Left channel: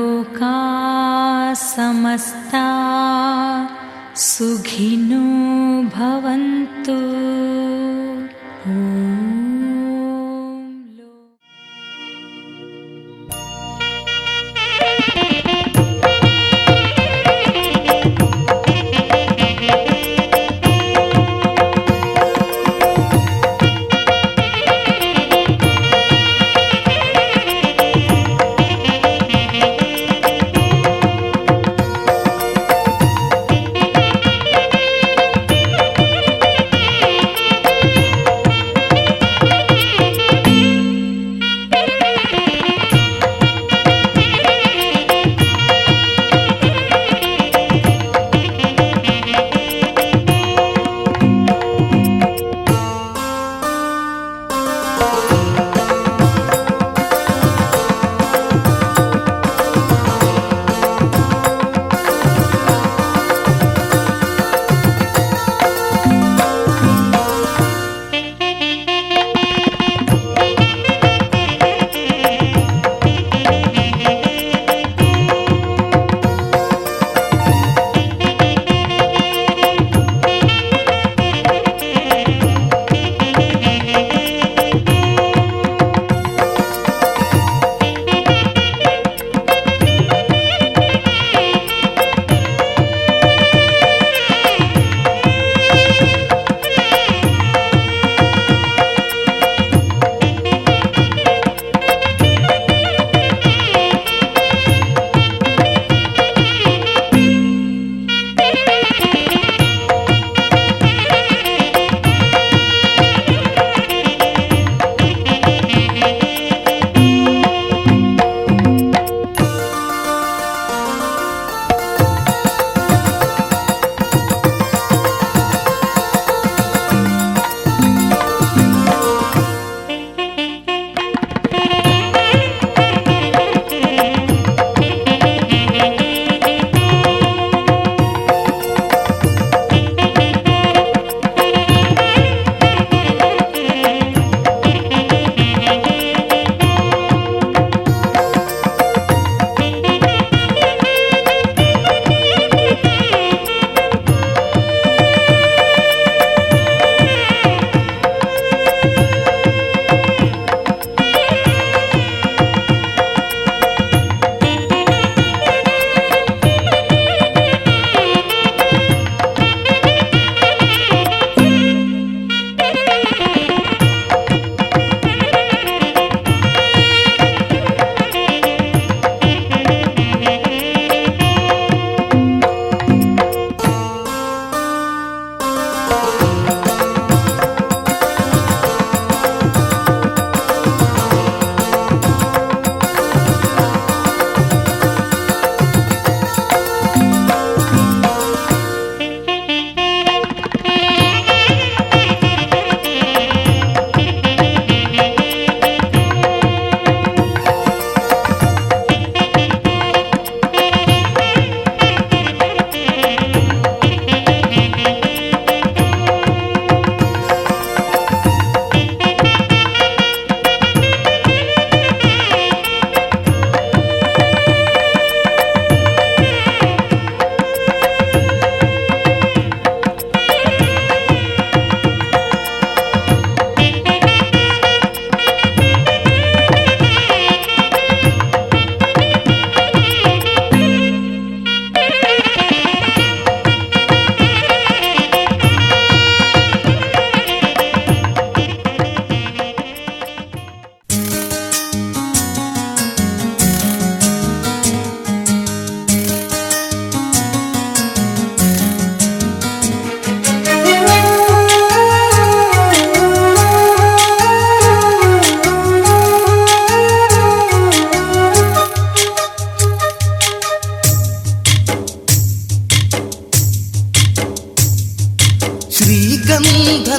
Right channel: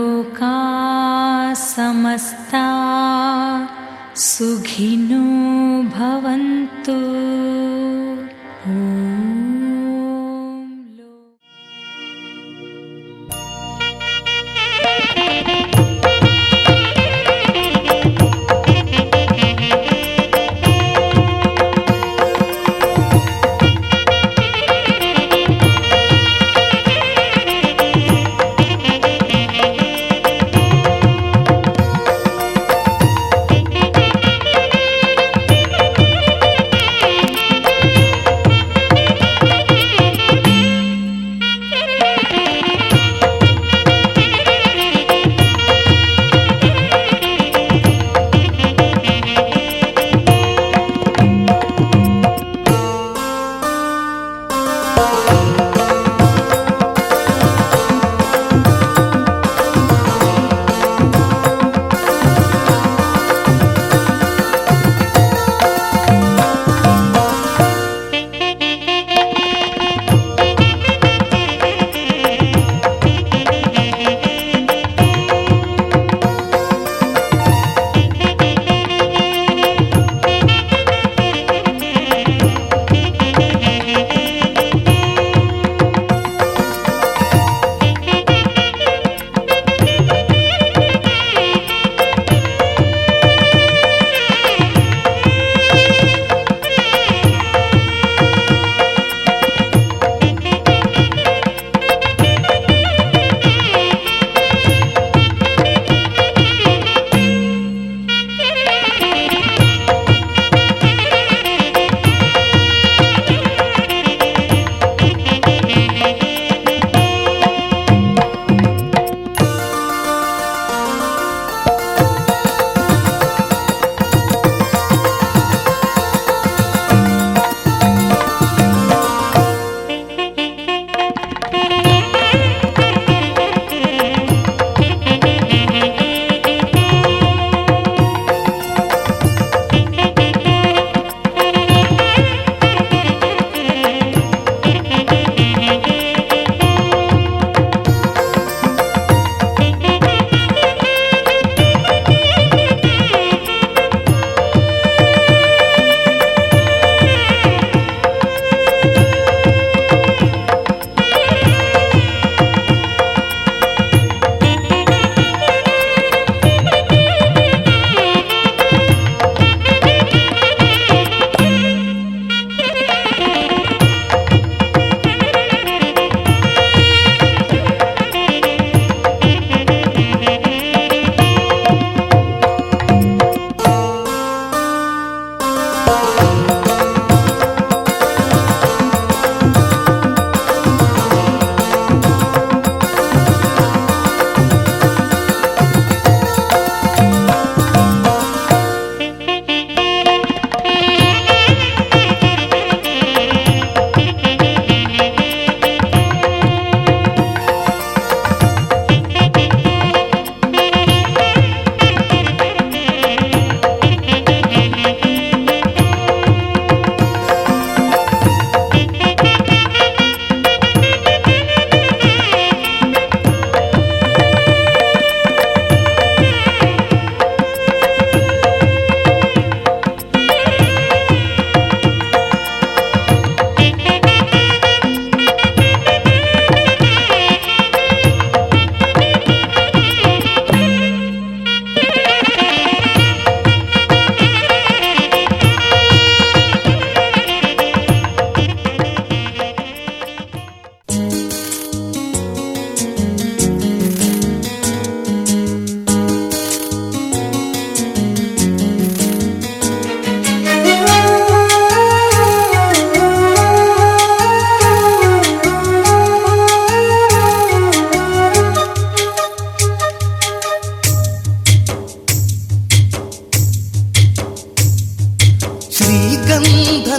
लोका समस्ता सुखिनो भवन्तु।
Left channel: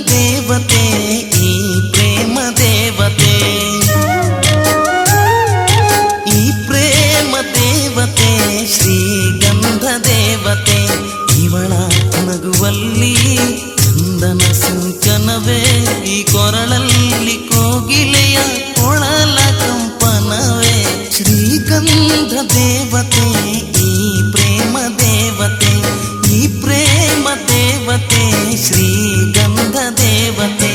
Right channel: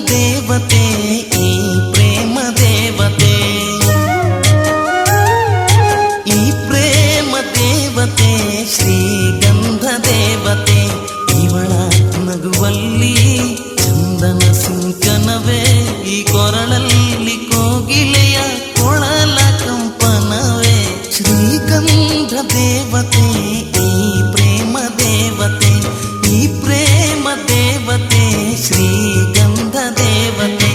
ದೇವತೆ ಈ ಪ್ರೇಮ ದೇವತೆ, ಈ ಪ್ರೇಮ ದೇವತೆ ಶ್ರೀಗಂಧ ದೇವತೆ. ಇವಳ ನಗುವಲ್ಲಿ ಚಂದನ ಸಿಂಚನವೇ, ಈ ಕೊರಳಲ್ಲಿ ಕೋಗಿಲೆಯ ಕೊಳಲ ಕಂಪನವೇ. ಶ್ರೀಗಂಧ ದೇವತೆ ಈ ಪ್ರೇಮ ದೇವತೆ, ಈ ಪ್ರೇಮ ದೇವತೆ ಶ್ರೀಗಂಧ ದೇವತೆ.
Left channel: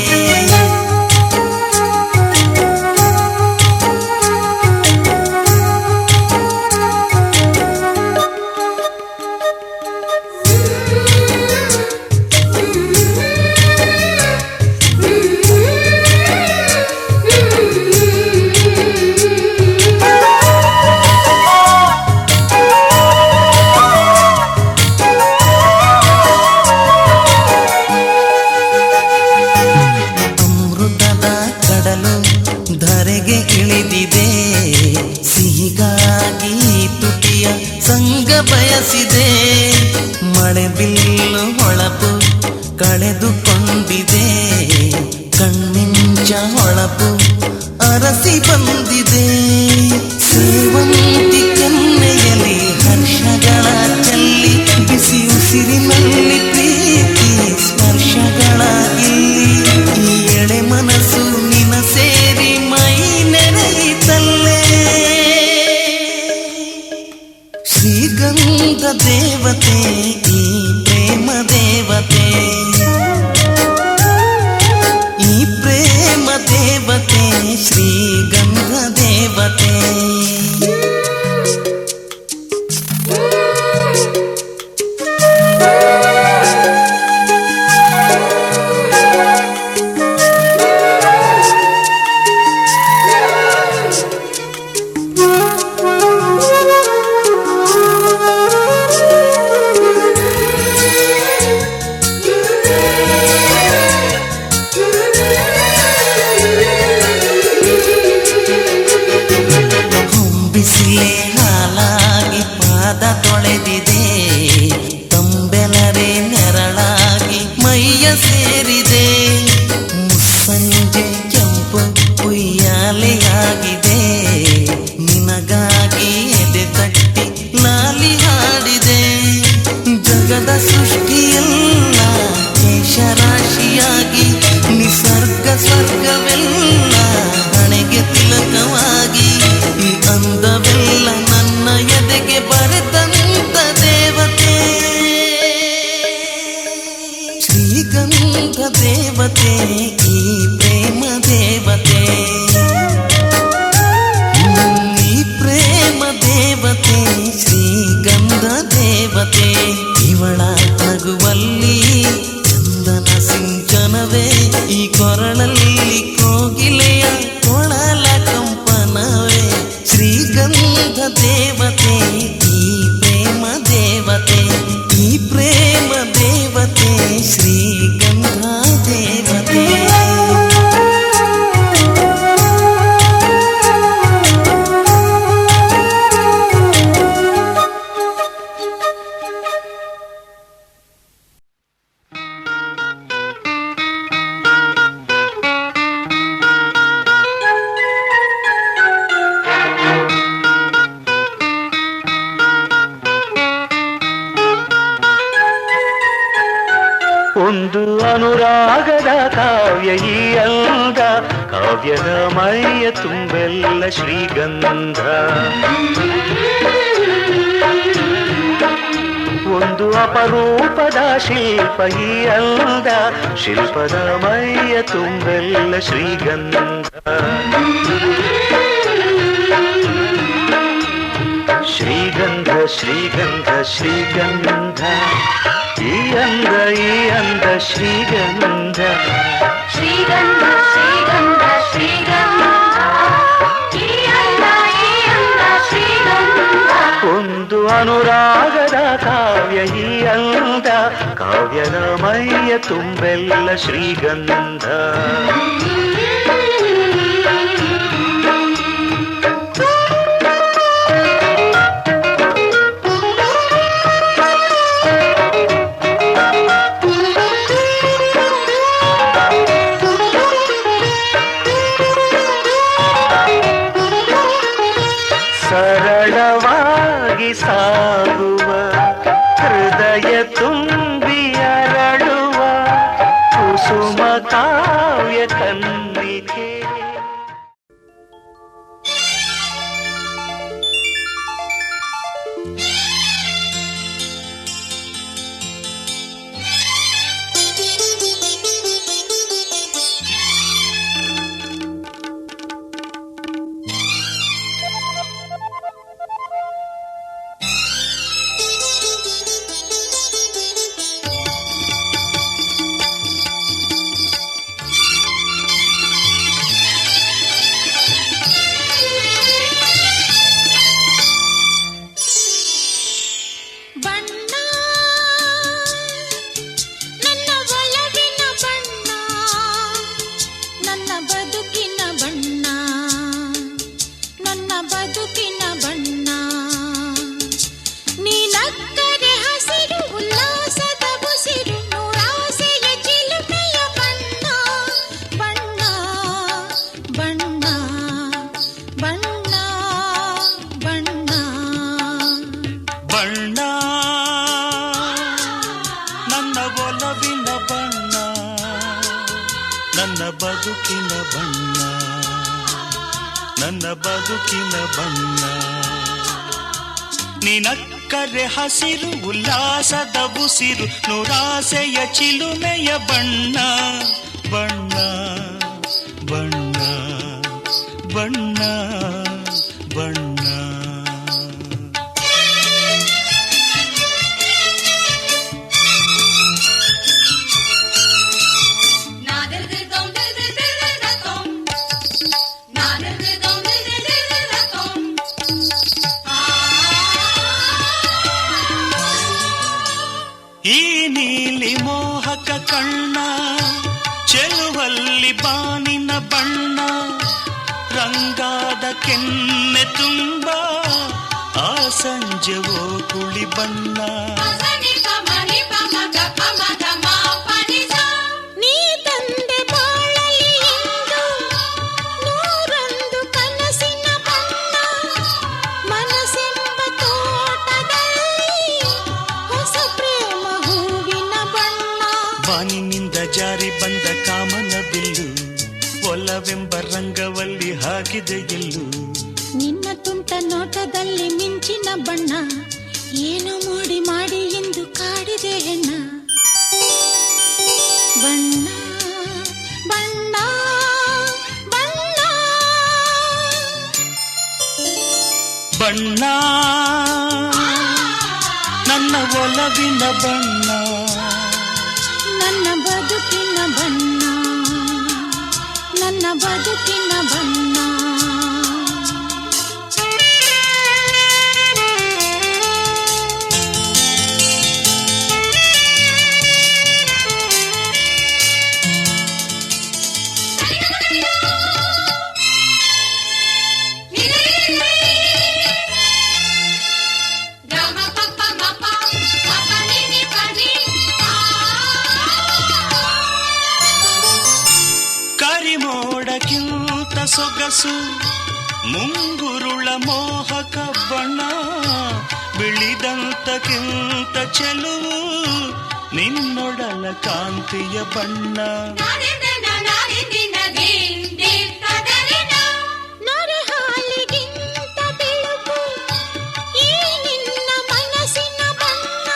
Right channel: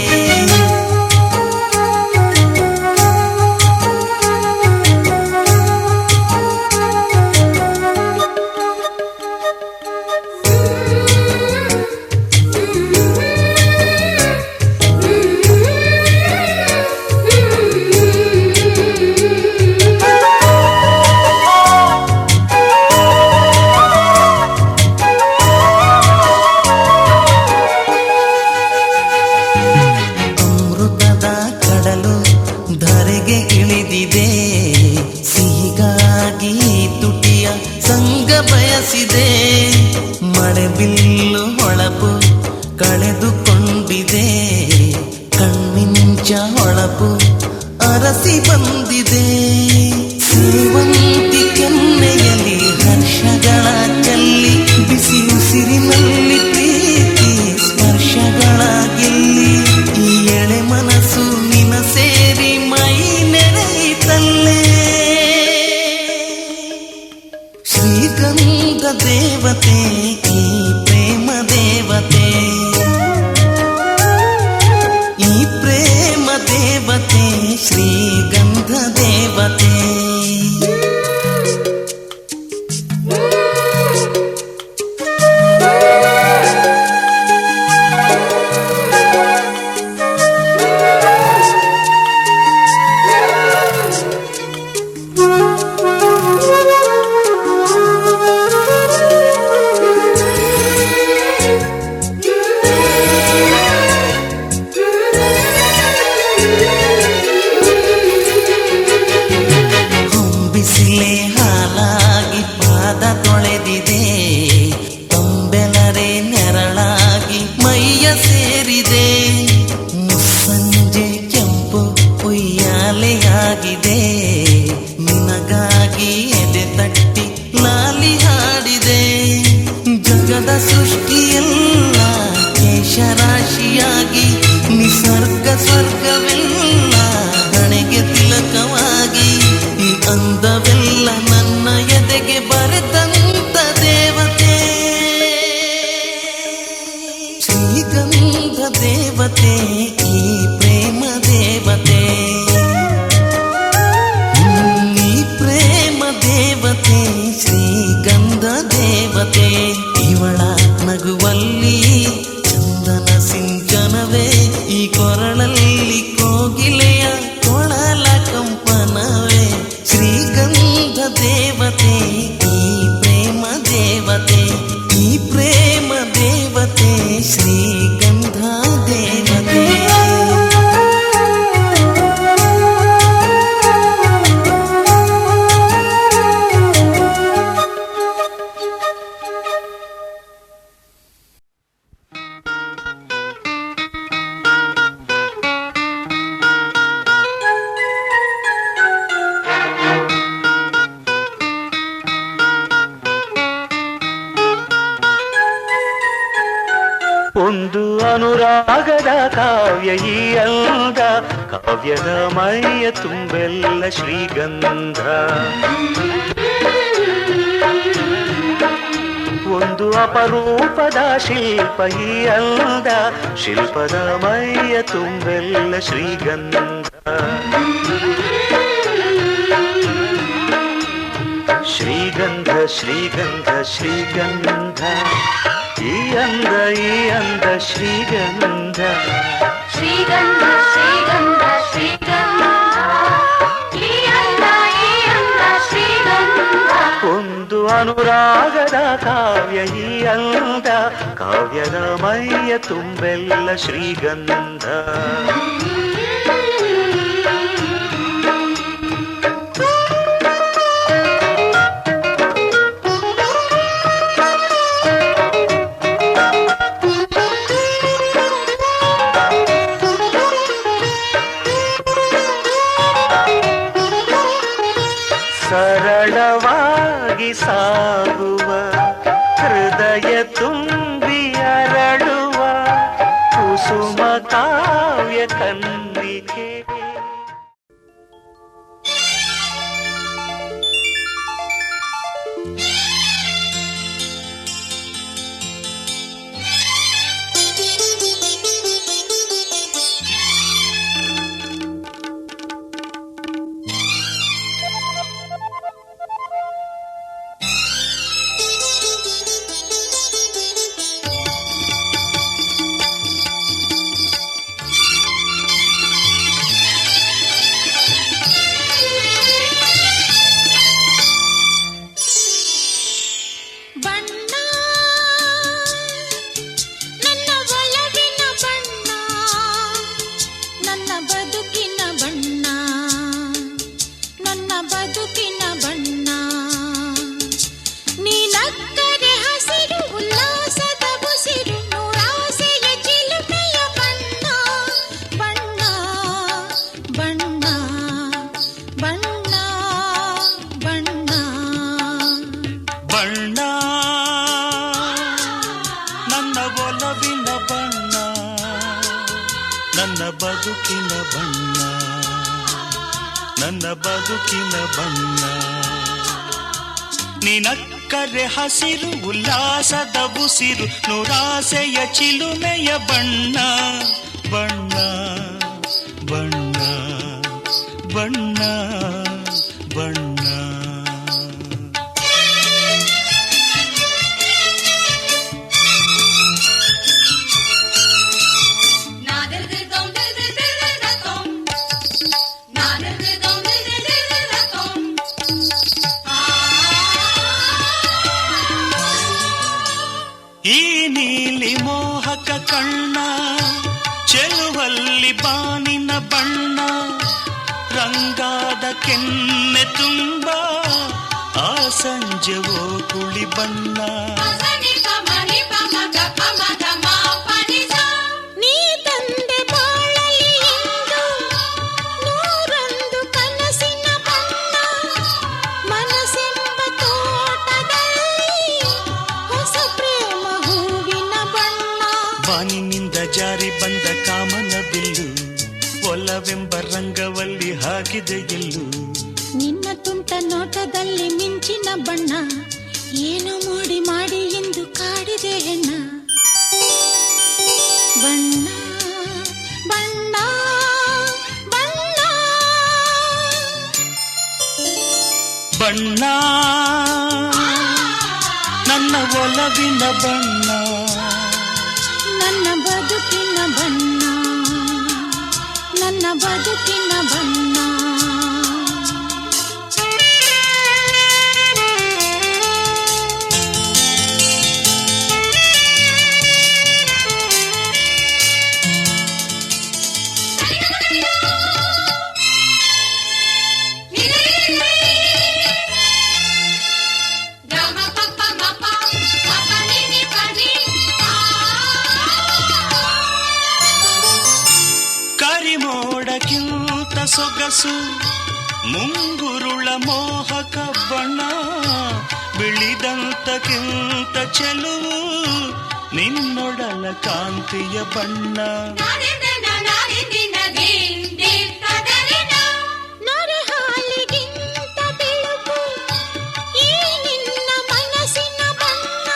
ಧರೆಗೆ ಇಳಿದಿದೆ ಸಿಹಿಗಾಗಿ ತುಟಿಯ ಸಂಗ ಬಯಸಿದೆ, ಮಳೆ ಬಿಲ್ಲು ಹೊಳಪು ಕಳೆದುಕೊಂಡಿದೆ, ಕಣ್ಮಿಂಚ ಹೊಳಪು ಅರಸಿ ಬಂದಿದೆ. ಸೇವಂತಿ ಕೆನ್ನೆಯಲ್ಲಿ ಹರ್ಷಗಳ ಚೆಲ್ಲಿ, ಬಿಸಿ ಉಸಿರಿನಲ್ಲಿ ಪ್ರೀತಿ ಸ್ಪರ್ಶಗಳ ಗೆಲ್ಲಿ, ಈ ಎಳೆ ಮನಸ್ಸು ನಿನ ಸೇರಿ ಮೈ ನೆರೆಯಿತಲ್ಲೇ. ಶ್ರೀಗಂಧ ದೇವತೆ ಈ ಪ್ರೇಮ ದೇವತೆ, ಈ ಪ್ರೇಮ ದೇವತೆ ಶ್ರೀಗಂಧ ದೇವತೆ. ಬಿಸಿಲೆ ಹಾಲಾಗಿ ಪಾದ ತೊಳೆದಿದೆ, ತಂಬೆಲರೆ ನೆರಳಾಗಿ ಮೈಯ ಸೇರಿದೆ, ಮುಸ್ಸಂಜೆ ಕೆಂಪು ಉಯ್ಯಾಲೆಯಾಗಿದೆ, ನಿನಗಾಗಿ ಎದೆ ತಟ್ಟಿ ಲಾಲಿ ಹಾಡಿದೆ. ಜಗದ ಸೃಷ್ಟಿಯೆಲ್ಲ ಕೇಶರಾಶಿಯಾಗಿ, ನಿಸರ್ಗ ಸ್ವರ್ಗವೆಲ್ಲ ಹಣೆಗೆ ತಿಲಕವಾಗಿ, ಈ ಅಂದವೆಲ್ಲ ನನ್ನ ಎದೆಗೆ ಬರೆದಂತ ದೇವತೆ. ಶ್ರೀಗಂಧ ದೇವತೆ ಈ ಪ್ರೇಮ ದೇವತೆ, ಈ ಪ್ರೇಮ ದೇವತೆ ಶ್ರೀಗಂಧ ದೇವತೆ. ಇವಳ ನಗುವಲ್ಲಿ ಚಂದನ ಸಿಂಚನವೇ, ಈ ಕೊರಳಲ್ಲಿ ಕೋಗಿಲೆಯ ಕೊಳಲ ಕಂಪನವೇ. ಶ್ರೀಗಂಧ ದೇವತೆ ಈ ಪ್ರೇಮ ದೇವತೆ, ಈ ಪ್ರೇಮ ದೇವತೆ ಶ್ರೀಗಂಧ ದೇವತೆ. ಒಂದು ಅನುರಾಗದ ಕಾವ್ಯ ಈ ಅಂದ, ಕಾವ್ಯದ ಮೈಯ ತುಂಬೆಲ್ಲ ಶ್ರೀಗಂಧ. ಒಂದು ಅಪರೂಪದ ಶಿಲ್ಪ ಈ ಅಂದ, ಶಿಲ್ಪದ ಮೈಯ ತುಂಬೆಲ್ಲ ಶ್ರೀಗಂಧ. ಶ್ರೀಗಂಧ ಶ್ರೀಗಂಧ ಶ್ರೀಗಂಧ, ಈ ಅಂದ ಶ್ರೀಗಂಧ. ಶ್ರೀಗಂಧ ಶ್ರೀಗಂಧ ಶ್ರೀಗಂಧ, ಈ ಅಂದ ಶ್ರೀಗಂಧ. ಒಂದು ಅನುರಾಗದ ಕಾವ್ಯ ಈ ಅಂದ, ಕಾವ್ಯದ ಮೈಯ ತುಂಬೆಲ್ಲ ಶ್ರೀಗಂಧ. ಸರಳವಾಗಿ ಸಾಗುವ ಹೃದಯ ತುಂಬಿ ಅರಳುವ ಕುಸುಮ ಕಾವ್ಯ ಕನ್ನಿಕೆ. ಬಣ್ಣ ನನ್ನ ಒಲವಿನ ಬಣ್ಣ, ನನ್ನ ಬದುಕಿನ ಬಣ್ಣ, ನನ್ನ ಬದುಕಿನ ಬಣ್ಣ. ನಿನಕ್ಕರೆ ಹಸಿರು ಉಲ್ಲಾಸದ ಉಸಿರು, ನೂರಾಸೆಯ ಚಿಲುಮೆಯ ಬಣ್ಣ ಬಣ್ಣ ಬಣ್ಣ ಬಣ್ಣ ಬಣ್ಣ. ಈ ನೀಲಿ ಮೋಹಕ ಕಣ್ಣ ಚೆಲುವಲ್ಲಿ ಬಾನಿನ ಬಣ್ಣ, ರಂಗಾದ ಕೆನ್ನೆ ತುಂಬ ಆ ಸಂಜೆವೋ ಕುಳಿ ಬಣ್ಣ. ನೀ ತಂದೆ ಬಾಳಲಿ ಇಂದು ನೂರೊಂದು ಕನಸಿನ ಬಣ್ಣ, ಮನಸ್ಸೆಂಬ ತೋಟದಲ್ಲಿ ಹೊಸ ಪ್ರೇಮ ಹೂವಿನ ಬಣ್ಣ. ಬಾನಿನಿಂದ ಜಾರಿ ಬಂದ ಕಾಮನ ಬಿಲ್ಲು, ಒಲವೆಂಬ ರಂಗವಲ್ಲಿ ಹಾಕಿದೆ ಎಲ್ಲು. ನಿನ್ನ ತುಂಟ ನೋಟದಲ್ಲಿ ಮಿಂಚಿನ ಬಣ್ಣ, ಏನು ಮೋಡಿ ಮಾಡಿ ಎಂದು ಕಾಡಿದೆ ಹೆಣ್ಣ. ಬಣ್ಣ ಬಣ್ಣ ಬಣ್ಣ ಬಣ್ಣ ನನ್ನ ಒಲವಿನ ಬಣ್ಣ, ನನ್ನ ಬದುಕಿನ ಬಣ್ಣ, ನನ್ನ ಬದುಕಿನ ಬಣ್ಣ. ಕರಿಮೋಡಕ್ಕಿಂತ ಸೊಗಸು ಮುಂಗುರುಳ ಮೋಹಕ ಬಣ್ಣ, ಬಿಳಿದಂತಕ್ಕಿಂತ ಚೆಲುವು ನಿನ್ನೊಡಲ ಕಾಂತಿಯ ಬಣ್ಣ. ನೊರೆ ಹಾಲಿಗಿಂತ ಬೆಳಕು ಈ ನಿನ್ನ ಮನಸ್ಸಿನ ಬಣ್ಣ,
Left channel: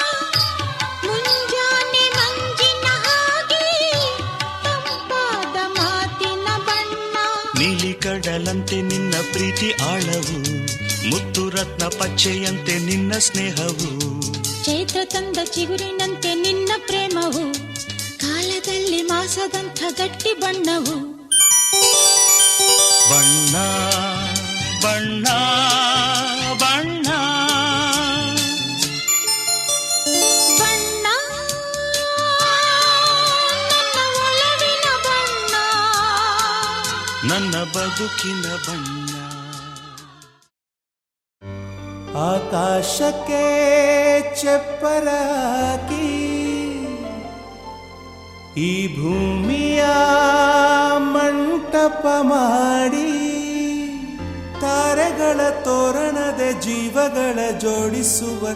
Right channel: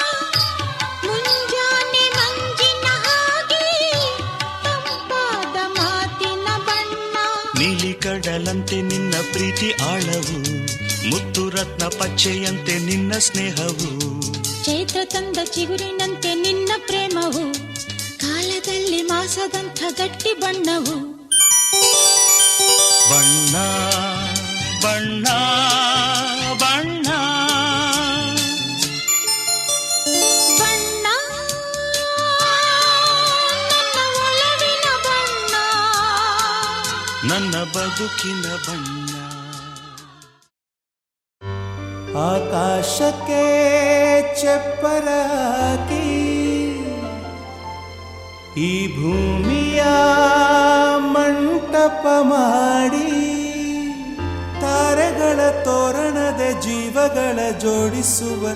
ಮುಂಜಾನೆ ಮಂಜಿನ ಹಾಗೆ ತಂಪಾದ ಮಾತಿನ ಬಣ್ಣ. ನೀಲಿ ಕಡಲಂತೆ ನಿನ್ನ ಪ್ರೀತಿ ಆಳವು, ಮುತ್ತು ರತ್ನ ಪಚ್ಚೆಯಂತೆ ನಿನ್ನ ಸ್ನೇಹವು. ಚೈತ್ರ ತಂದ ಚಿಗುರಿನಂತೆ ನಿನ್ನ ಪ್ರೇಮವು, ಕಾಲದಲ್ಲಿ ಮಾಸದಂಥ ಗಟ್ಟಿ ಬಣ್ಣವು. ಬಣ್ಣ ಬಣ್ಣ ಬಣ್ಣ ಬಣ್ಣ ನನ್ನ ಒಲವಿನ ಬಣ್ಣ, ನನ್ನ ಬದುಕಿನ ಬಣ್ಣ. ಆಕಾಶಕ್ಕೆ ಚಪ್ಪರಾಕಿ ಈ ಭೂಮಿಯ ಮಂಟಪ ಮಾಡಿ, ತಾರೆಗಳ ತೋರಣದ ಜೀವಗಳ ಜೋಡಿಸುವ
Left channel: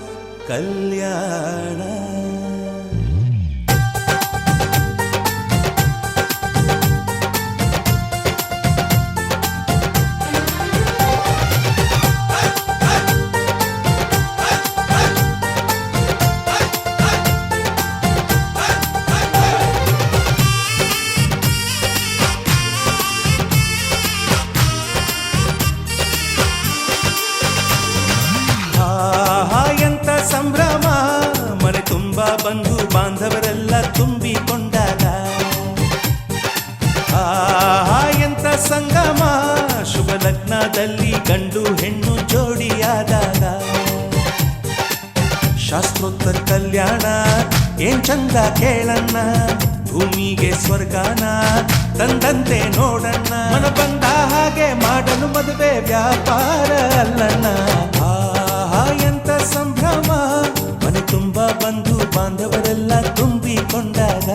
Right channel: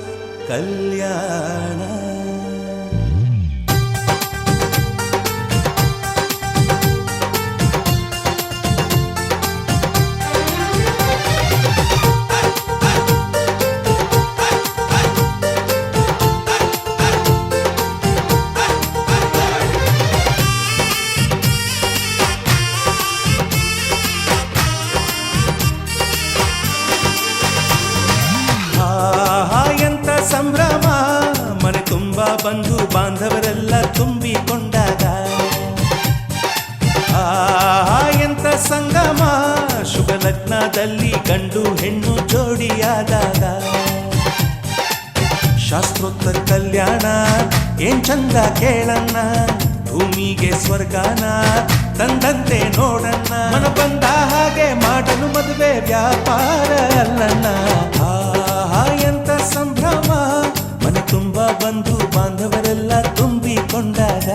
ಕಲ್ಯಾಣ. ಎಂತ ಸಂಭ್ರಮ, ಮನೆ ತುಂಬ ಬಂಧು ಬಾಂಧವರೆಲ್ಲ ತುಂಬಿಕೊಂಡಾಗ. ಎಂತ ಸಂಗಮ, ಶುಭ ಲಗ್ನದಲ್ಲಿ ಗಂಡು ಹೆಣ್ಣು ಜೋಡಿಯಾದಾಗ. ಶಾಸ್ತ್ರೋತ್ತರ ಕಲ್ಯಾಣ ಏನ್ ಚಂದ ಕೇಳಣ್ಣ, ಭೂಮಿಗೆ ಸ್ವರ್ಗಾನ ತಂದಂತೆ ನೋಡಣ್ಣ. ಮನ ಬಂದ ಹಾಗೆ ಮಾಡಲು ಮದುವೆ ವ್ಯಾಪಾರ ಅಲ್ಲಣ್ಣ. ಎಂತ ಸಂಭ್ರಮ, ಮನೆ ತುಂಬ ಬಂಧು ಬಾಂಧವರೆಲ್ಲ ತುಂಬಿಕೊಂಡಾಗ.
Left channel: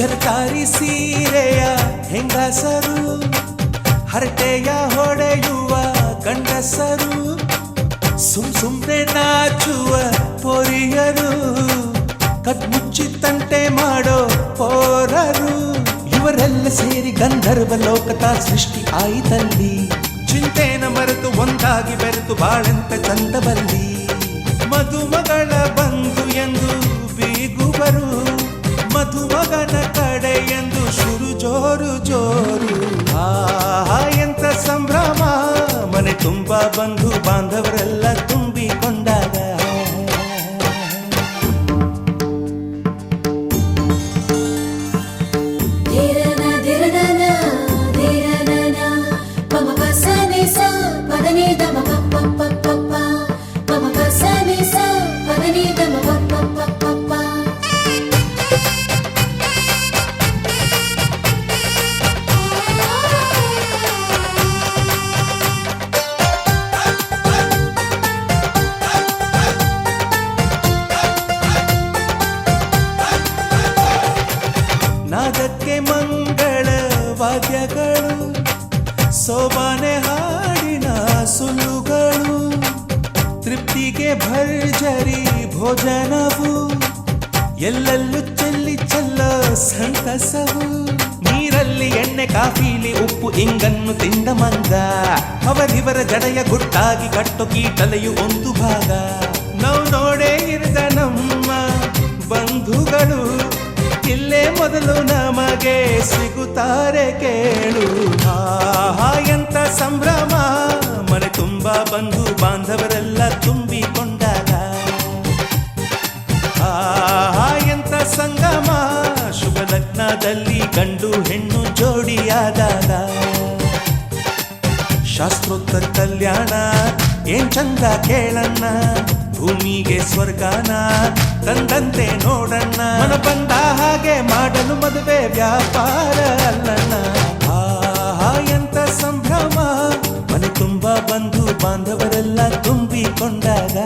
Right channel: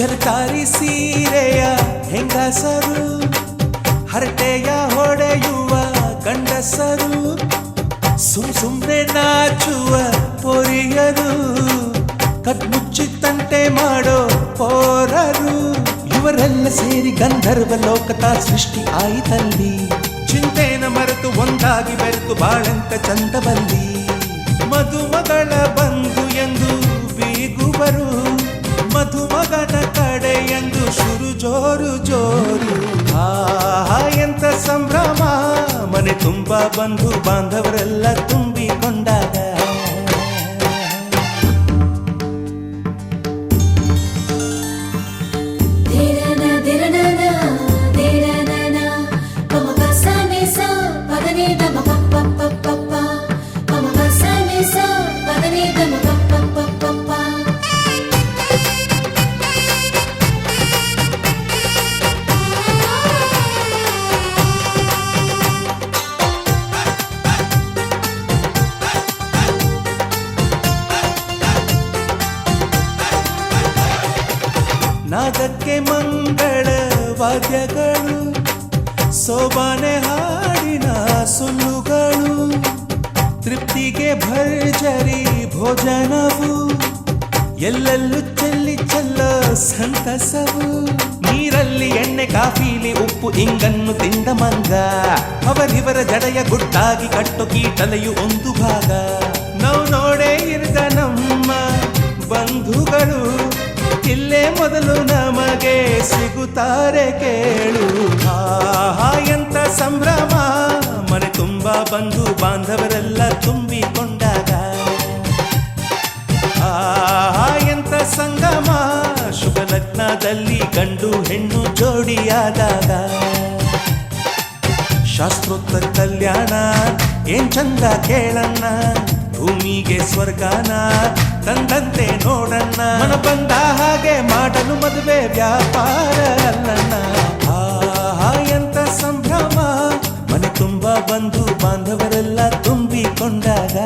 ಜರತಾರಿ ಸೀರೆಯ ಹೆಂಗಸರು, ಹರಟೆಯ ಹೊಡೆಯುವ ಗಂಡಸರು, ಸುಮ್ನೆ ನಾಚುವ ಪೊರಿಯರು, ಕದ್ಮುಚ್ಚಿ ತಂಟೆ ಮಾಡೋ ಪೋರರು, ಇವರೆಲ್ಲ ಸೇರಿ ಗಂಧರ್ವ ಲೋಕದ ಸೃಷ್ಟಿ ಆಯಿತಲ್ಲಿ. ಚಿಂತೆನ ಮರೆತು ಒಂದಾಗಿ ಬೆರೆತು ಬಾಳೆಂತ ಚಂದವಲ್ಲಿ. ಮದುಮಗಳ ಬಂಧು ಎಂದು ಬೀಗುವರು, ಮಧುಮಗನ ಕಡೆ ಎಂದು ಶುರು ಜೋರು ಜೋರು. ಎಂತ ಸಂಭ್ರಮ, ಮನೆ ತುಂಬ ಬಂಧು ಬಾಂಧವರೆಲ್ಲ ತುಂಬಿಕೊಂಡಾಗ. ನಾದಕ್ಕೆ ಮಂಗಳ ವಾದ್ಯಗಳು, ಸೋಬಾನೆ ಹಾಡಿನ ಸುಳ್ಳುಗಳು, ತೃಪ್ತಿಗೆ ಭರ್ಜರಿ ಭೋಜನವು, ಎಲ್ಲೆಲ್ಲೂ ಚೆಲ್ಲಿ ಚೆಲ್ಲ ಸಂತಸವು. ನೀರಲ್ಲಿ ಎಣ್ಣೆ ಕಾಫಿಲಿ ಉಪ್ಪು ಇಂಗನ್ನು ತಿಂದ ಮಂಗ, ಅವರಿವರ ಜಡೆಯ ಗುಟ್ಟಾಗಿ ಕಟ್ಟು ಕೀಟಲೆಯು ಒಂದು ಭಾಗ. ನಾವು ನೋಡೇ ಇರದ ನಮ್ಮ ಬಂಧುಗಳು ಇಲ್ಲೇ ಮೊದಲು ನಮಗೆ ಸಿಗುತ್ತಾರೆ ಕೇಳು. ಎಂತ ಸಂಭ್ರಮ, ಮನೆ ತುಂಬ ಬಂಧು ಬಾಂಧವರೆಲ್ಲ ತುಂಬಿಕೊಂಡಾಗ. ಎಂತ ಸಂಗಮ, ಶುಭ ಲಗ್ನದಲ್ಲಿ ಗಂಡು ಹೆಣ್ಣು ಜೋಡಿಯಾದಾಗ. ಶಾಸ್ತ್ರೋತ್ತರ ಕಲ್ಯಾಣ ಏನ್ ಚಂದ ಕೇಳಣ್ಣ, ಭೂಮಿಗೆ ಸ್ವರ್ಗಾನ ತಂದಂತೆ ನೋಡಣ್ಣ. ಮನ ಬಂದ ಹಾಗೆ ಮಾಡಲು ಮದುವೆ ವ್ಯಾಪಾರ ಅಲ್ಲಣ್ಣ. ಎಂತ ಸಂಭ್ರಮ, ಮನೆ ತುಂಬ ಬಂಧು ಬಾಂಧವರೆಲ್ಲ ತುಂಬಿಕೊಂಡಾಗ.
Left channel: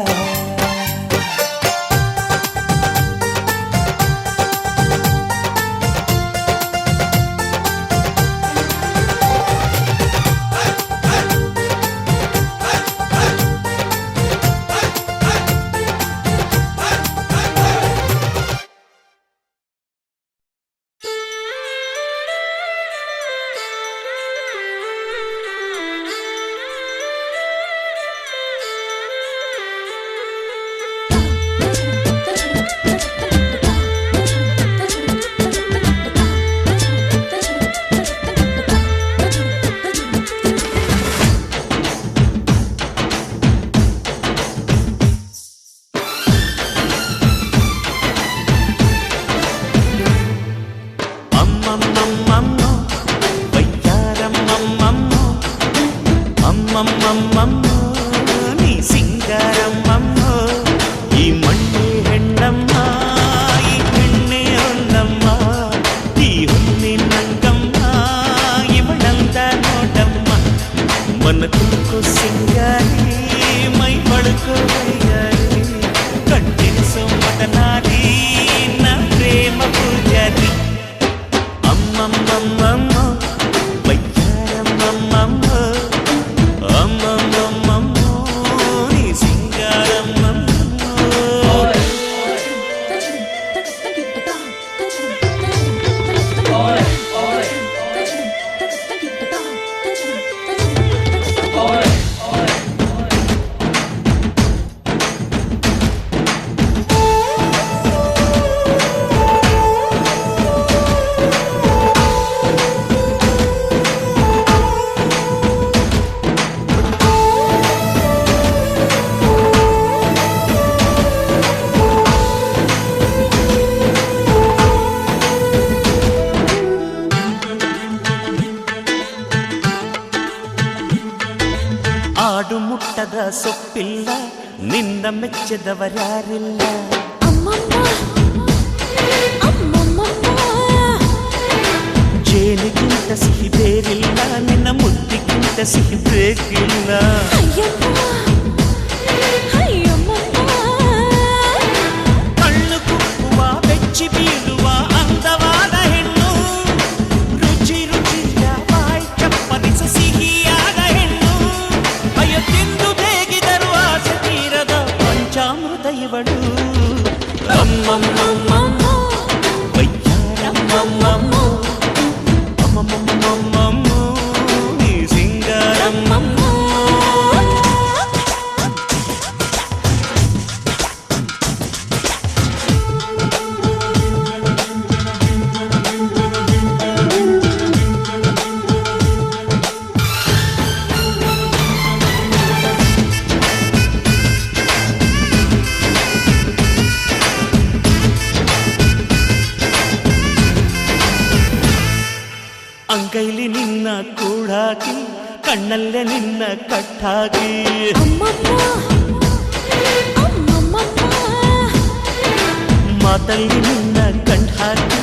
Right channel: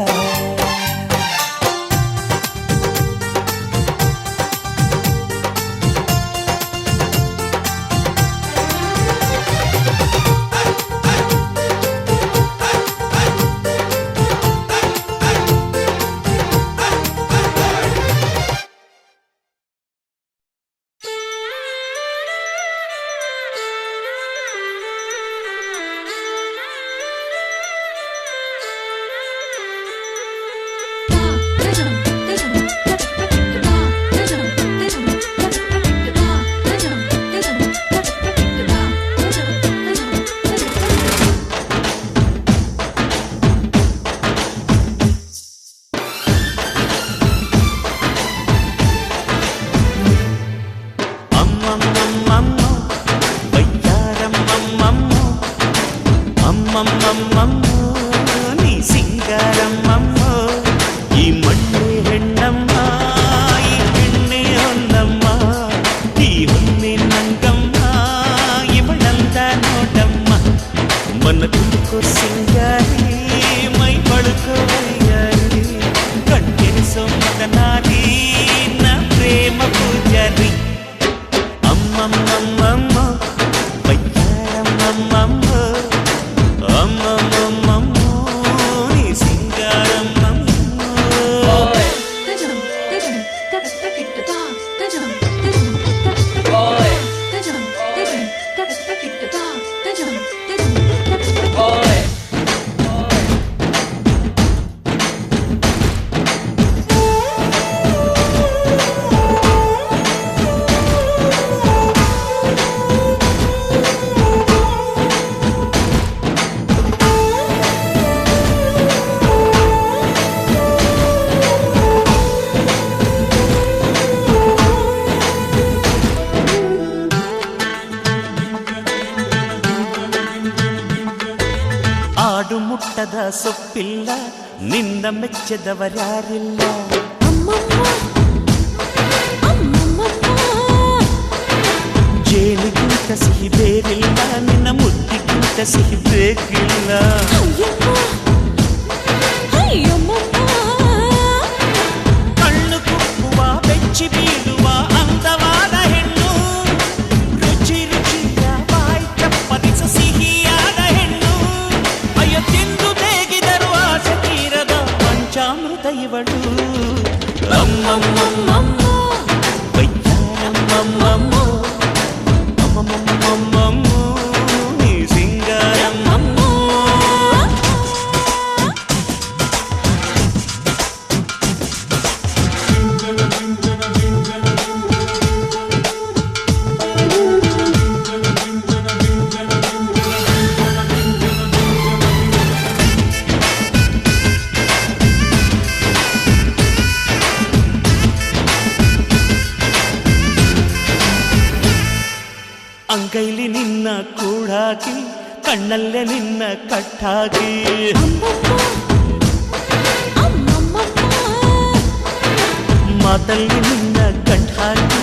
ಅಮ್ಮಮ್ಮಮ್ಮಮ್ಮೋ ಬಯ್ಯಾರಮ್ಮಮ್ಮಮ್ಮೋ, ಅಮ್ಮಮ್ಮಮ್ಮಮ್ಮೋ ನೀ ಸಿಂಗಾರಮ್ಮಮ್ಮೋ. ಈ ಮಣ್ಣೆ ಹೆಣ್ಣಮ್ಮ, ಈ ಹೆಣ್ಣೆ ಹೊನ್ನಮ್ಮ, ಈ ಹೊನ್ನಿನಂಗಮ್ಮ, ಇವಳಂದ ನೋಡಮ್ಮ. ಮನ ಕುಕ್ಕೋ ಸಿಂಗಾರಿ, ಮೈ ಬಳುಕೋ ವೈಯಾರಿ, ಕಣ್ತೆರಿಸೋ ಮದನಾರಿ, ನ ಪ್ರೇಮ ಪೂಜಾರಿ. ಅಮ್ಮಮ್ಮಮ್ಮಮ್ಮೋ ಬಯ್ಯಾರಮ್ಮಮ್ಮಮ್ಮೋ, ಅಮ್ಮಮ್ಮಮ್ಮಮ್ಮೋ ನೀ ಸಿಂಗಾರಮ್ಮಮ್ಮೋ. ಆಡು ಮುಟ್ಟದ ಸೊಪ್ಪಿಲ್ಲ, ನಿನ್ನ ಮೆಚ್ಚದವರ್ಯಾರಿಲ್ಲ. ಜೇನಿಗಿಂತ ಸಿಹಿ ಬೇರಿಲ್ಲ, ನಿನ್ನ ಮುದ್ದಿಗಿಂತ ಸಿಹಿ ಬೇಕಿಲ್ಲ. ಕಣ್ಣು ಕುಕ್ಕುವ ಬೆಚ್ಚಿ ಬೀಳುವ ಅಂದವಾದ ಹೆಣ್ಣು ಇವಳು ಅಮ್ಮಮ್ಮಮ್ಮಮ್ಮೋ ವಯ್ಯಾರಮ್ಮಮ್ಮಮ್ಮೋ ಅಮ್ಮಮ್ಮಮ್ಮಮ್ಮಮ್ಮೋ ನೀ ಸಿಂಗಾರಮ್ಮಮ್ಮೋ ಅಂಗೈಲಿ ನಿನ್ನ ಕೂಡಾಕಿ ಕಣ್ಣಲ್ಲೇ ನಿನ್ನ ಕಟ್ಟಾಕಿ ಮಾತಲ್ಲಿ ನಿನ್ನ ಕಂಠಾಕಿ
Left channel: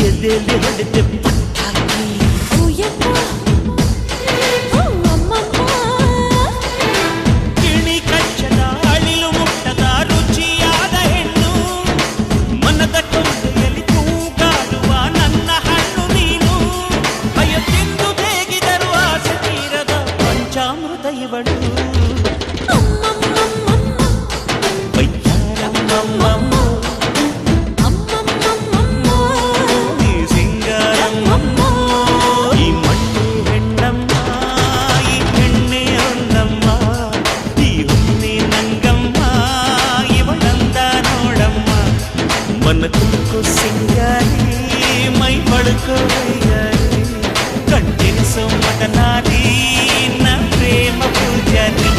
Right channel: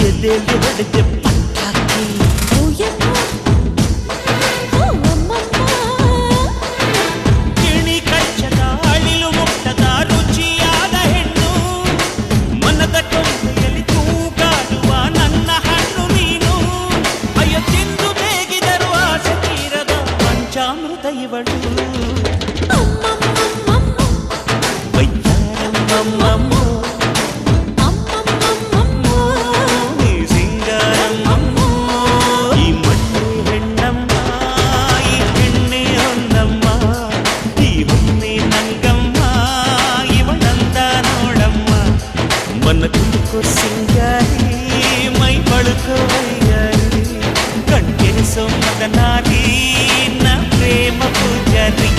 ಎದೆಯಲ್ಲಿ ಹೊಡೆದೆ ಪಟ್ಟಾಕಿ ಗಿಣಿ ಕಚ್ಚದ ಅಳಿಲು ಮುಟ್ಟದ ರುಚಿಯಾದ ಹೆಣ್ಣು ಮನದ ಕೊಂಬೆಯಲ್ಲಿ ತೂಗಾಡುವ ನನ್ನ ಹಣ್ಣು ನೀನು ಅಯ್ಯೋ ತಿಂದು ಬೇಗಿದರು ಆಸೆ ತೀರದ ಪಂಚಾಮೃತ ಇವಳು ವಯ್ಯಾರಮ್ಮಮ್ಮಮ್ಮೋ ನೀ ಸಿಂಗಾರಮ್ಮಮ್ಮೋ ಈ ಮಣ್ಣೆ ಹೆಣ್ಣಮ್ಮ ಈ ಹೆಣ್ಣೆ ಹೊನ್ನಮ್ಮ ಈ ಹೊನ್ನೆ ನಂಗಮ್ಮ ಇವಳಂದ ನೋಡಮ್ಮ ಮನ ತುಮಕೋ ಸಿಂಗಾರಿ ಮೈ ಬಳುಕೋ ವೈಯಾರಿ ಕಣ್ಕೆರೆಸೋ ಮದನಾರಿ ನ ಪ್ರೇಮ ಪೂಜಾರಿ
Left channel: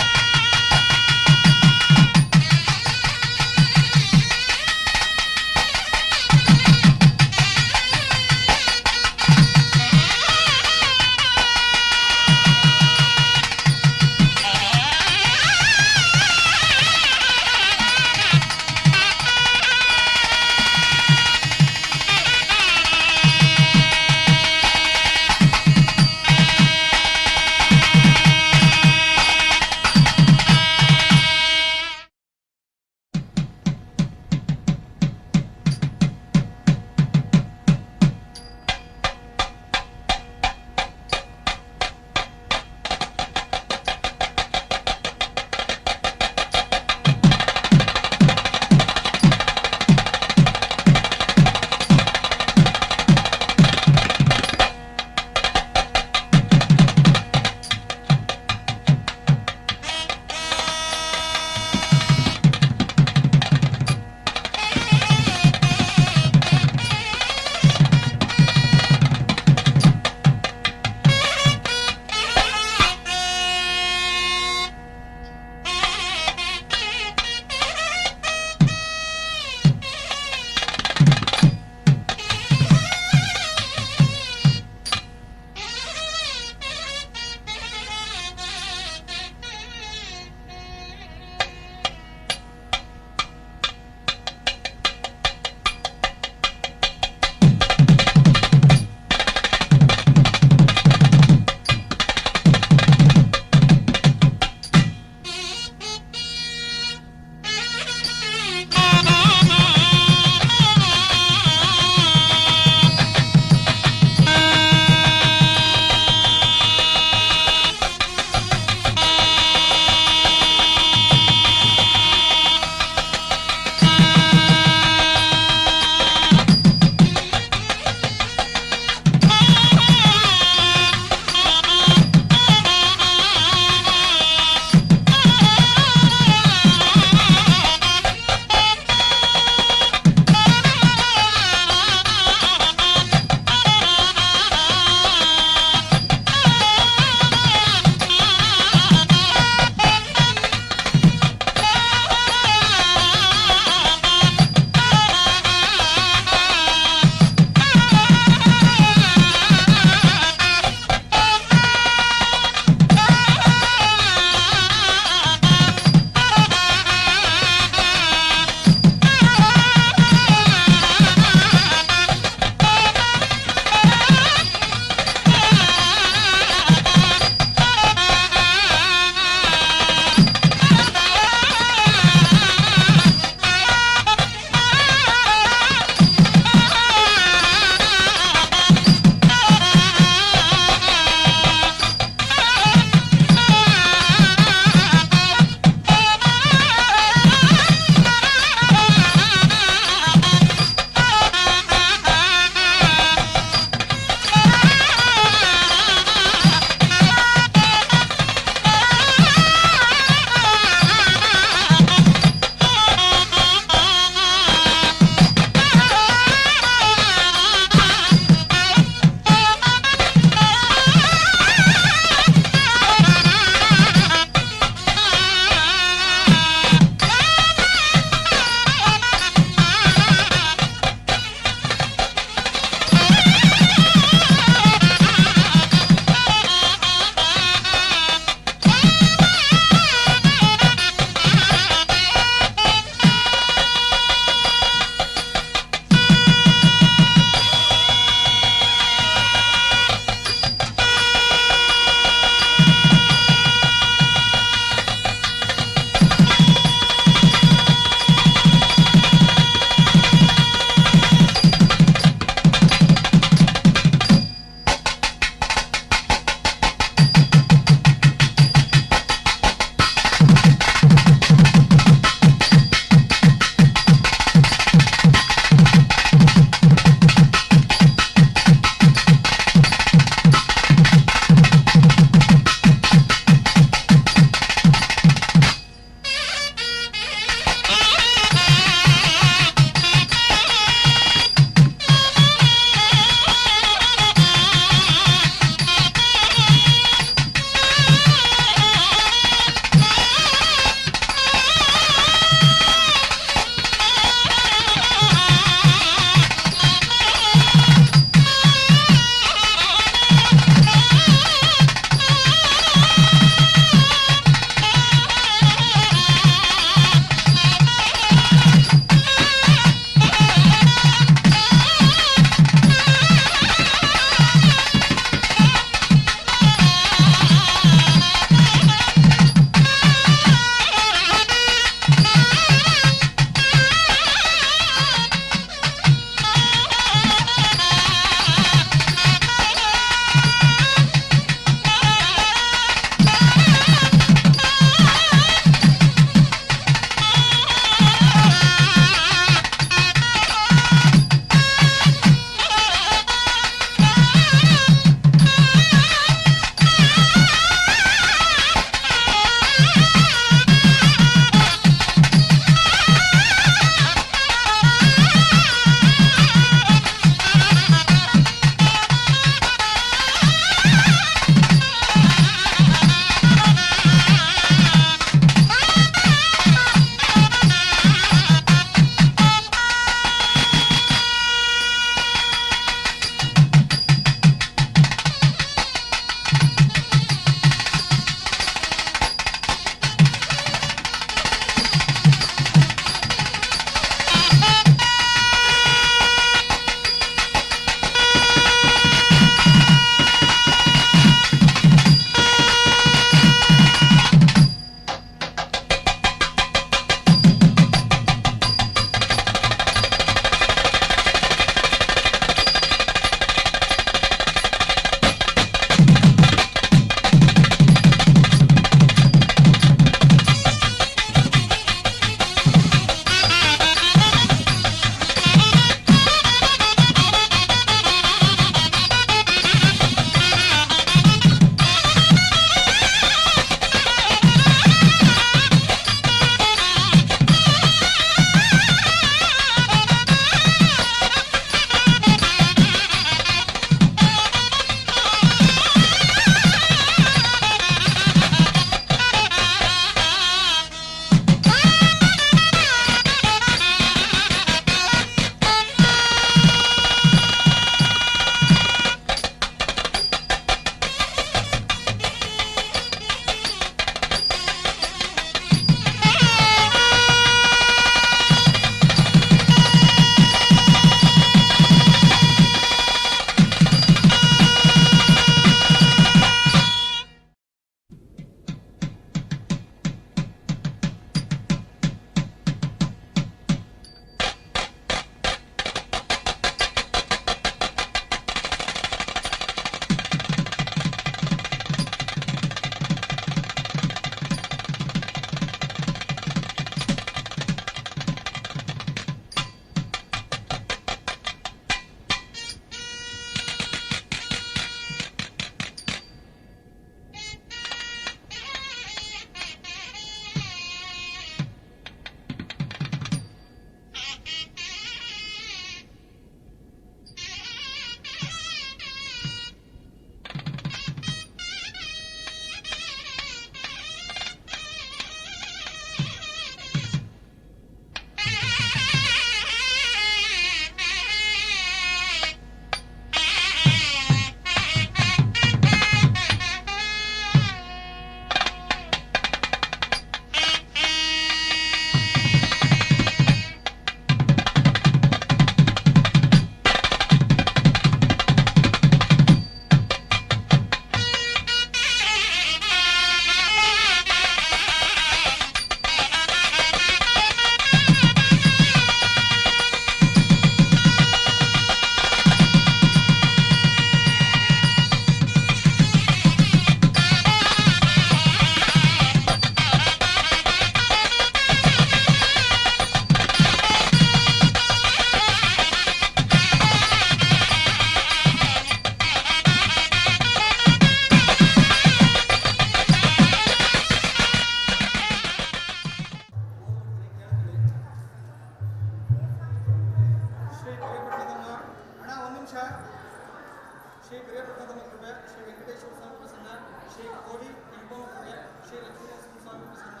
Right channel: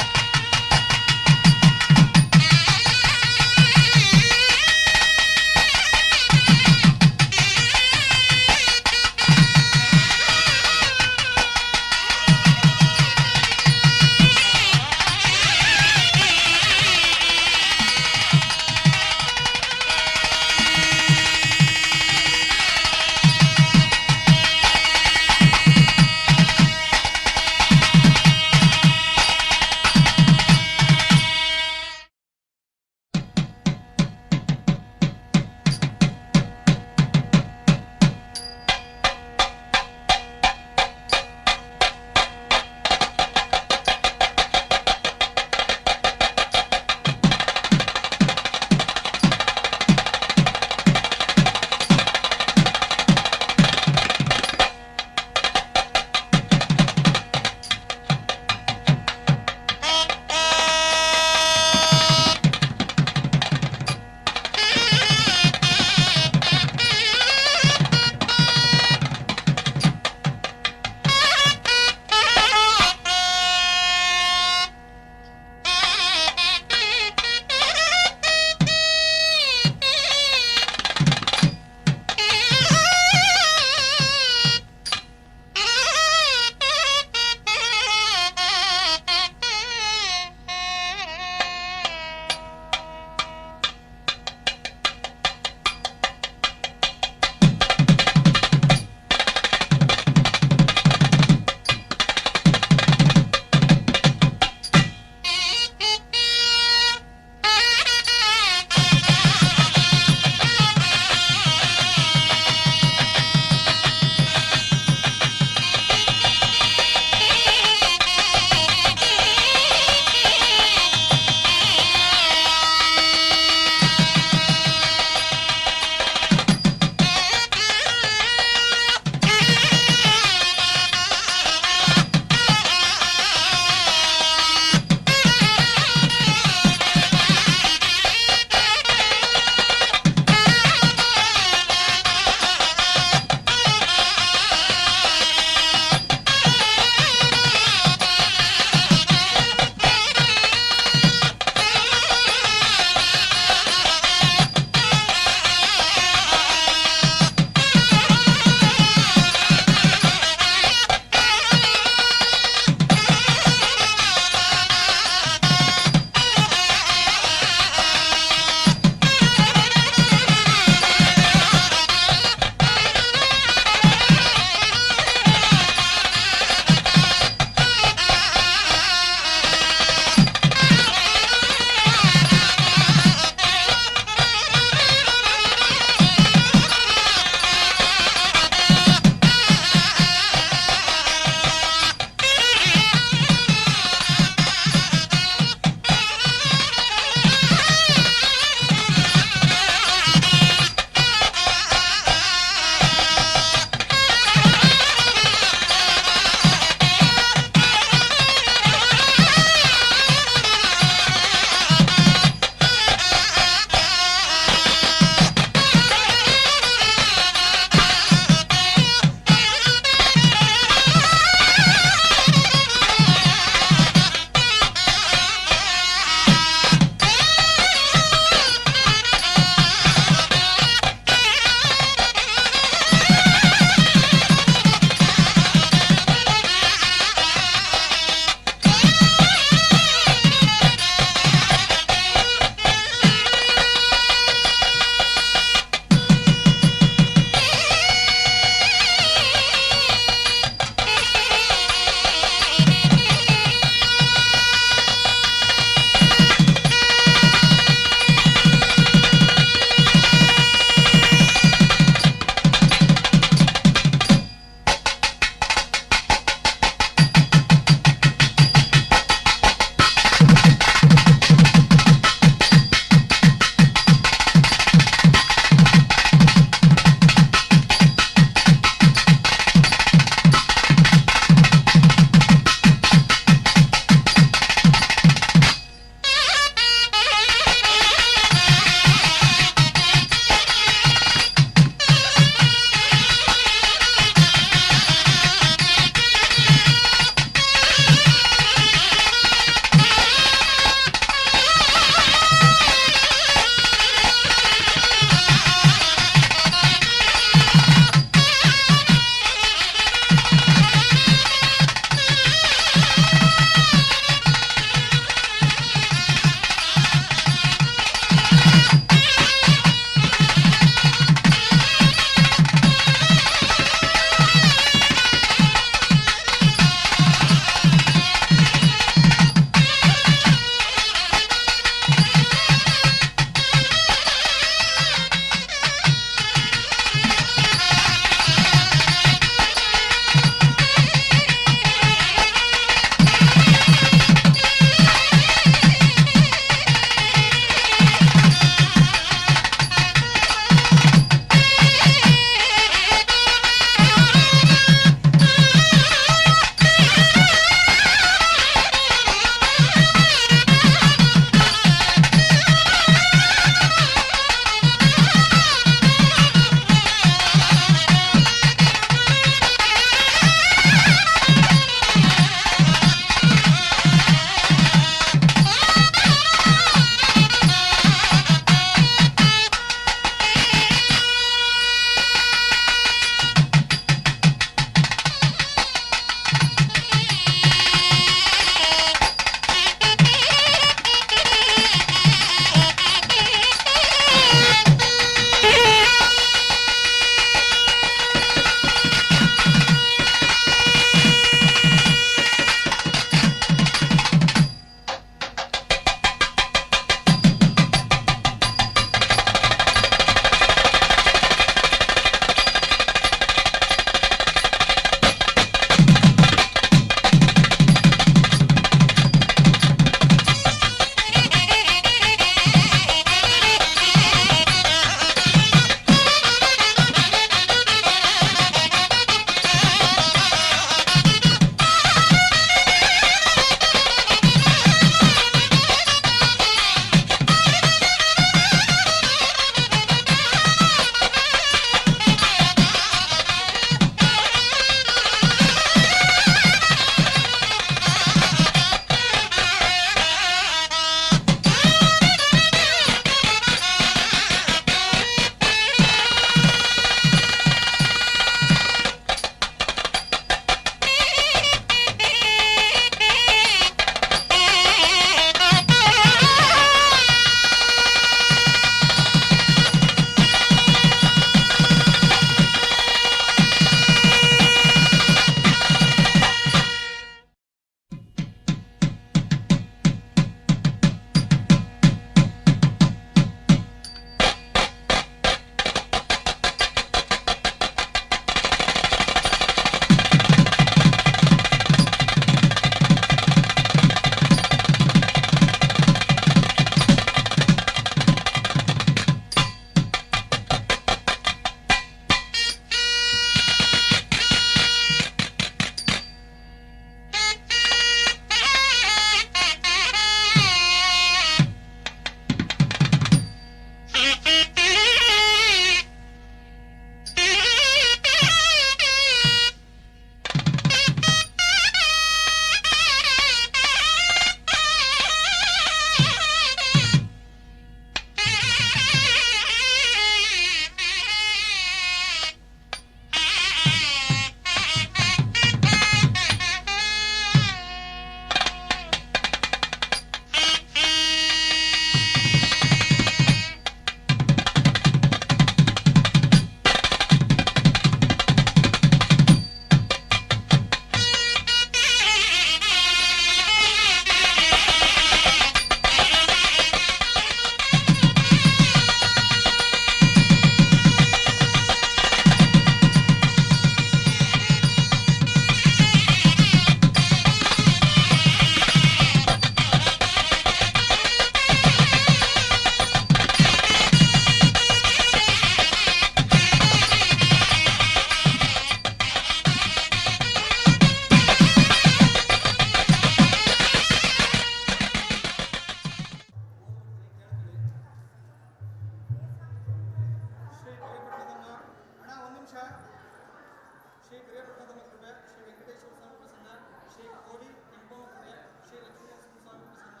ಶ್ರೀ ಪ್ರಿಯಪ್ರಥಮ ಕೃಪೆ ಶ್ರೀ ವೆಂಕಟೇಶ್ವರ ಸ್ವಾಮಿ ಪ್ರಸನ್ನ ಶ್ರೀ ಕೋಡಿ ಕೆಂಪಮ್ಮ ಕೃಪೆ ಶ್ರೀ ಲಕ್ಷ್ಮೀನರಸಿಂಹ ಸ್ವಾಮಿ ಪ್ರಸನ್ನ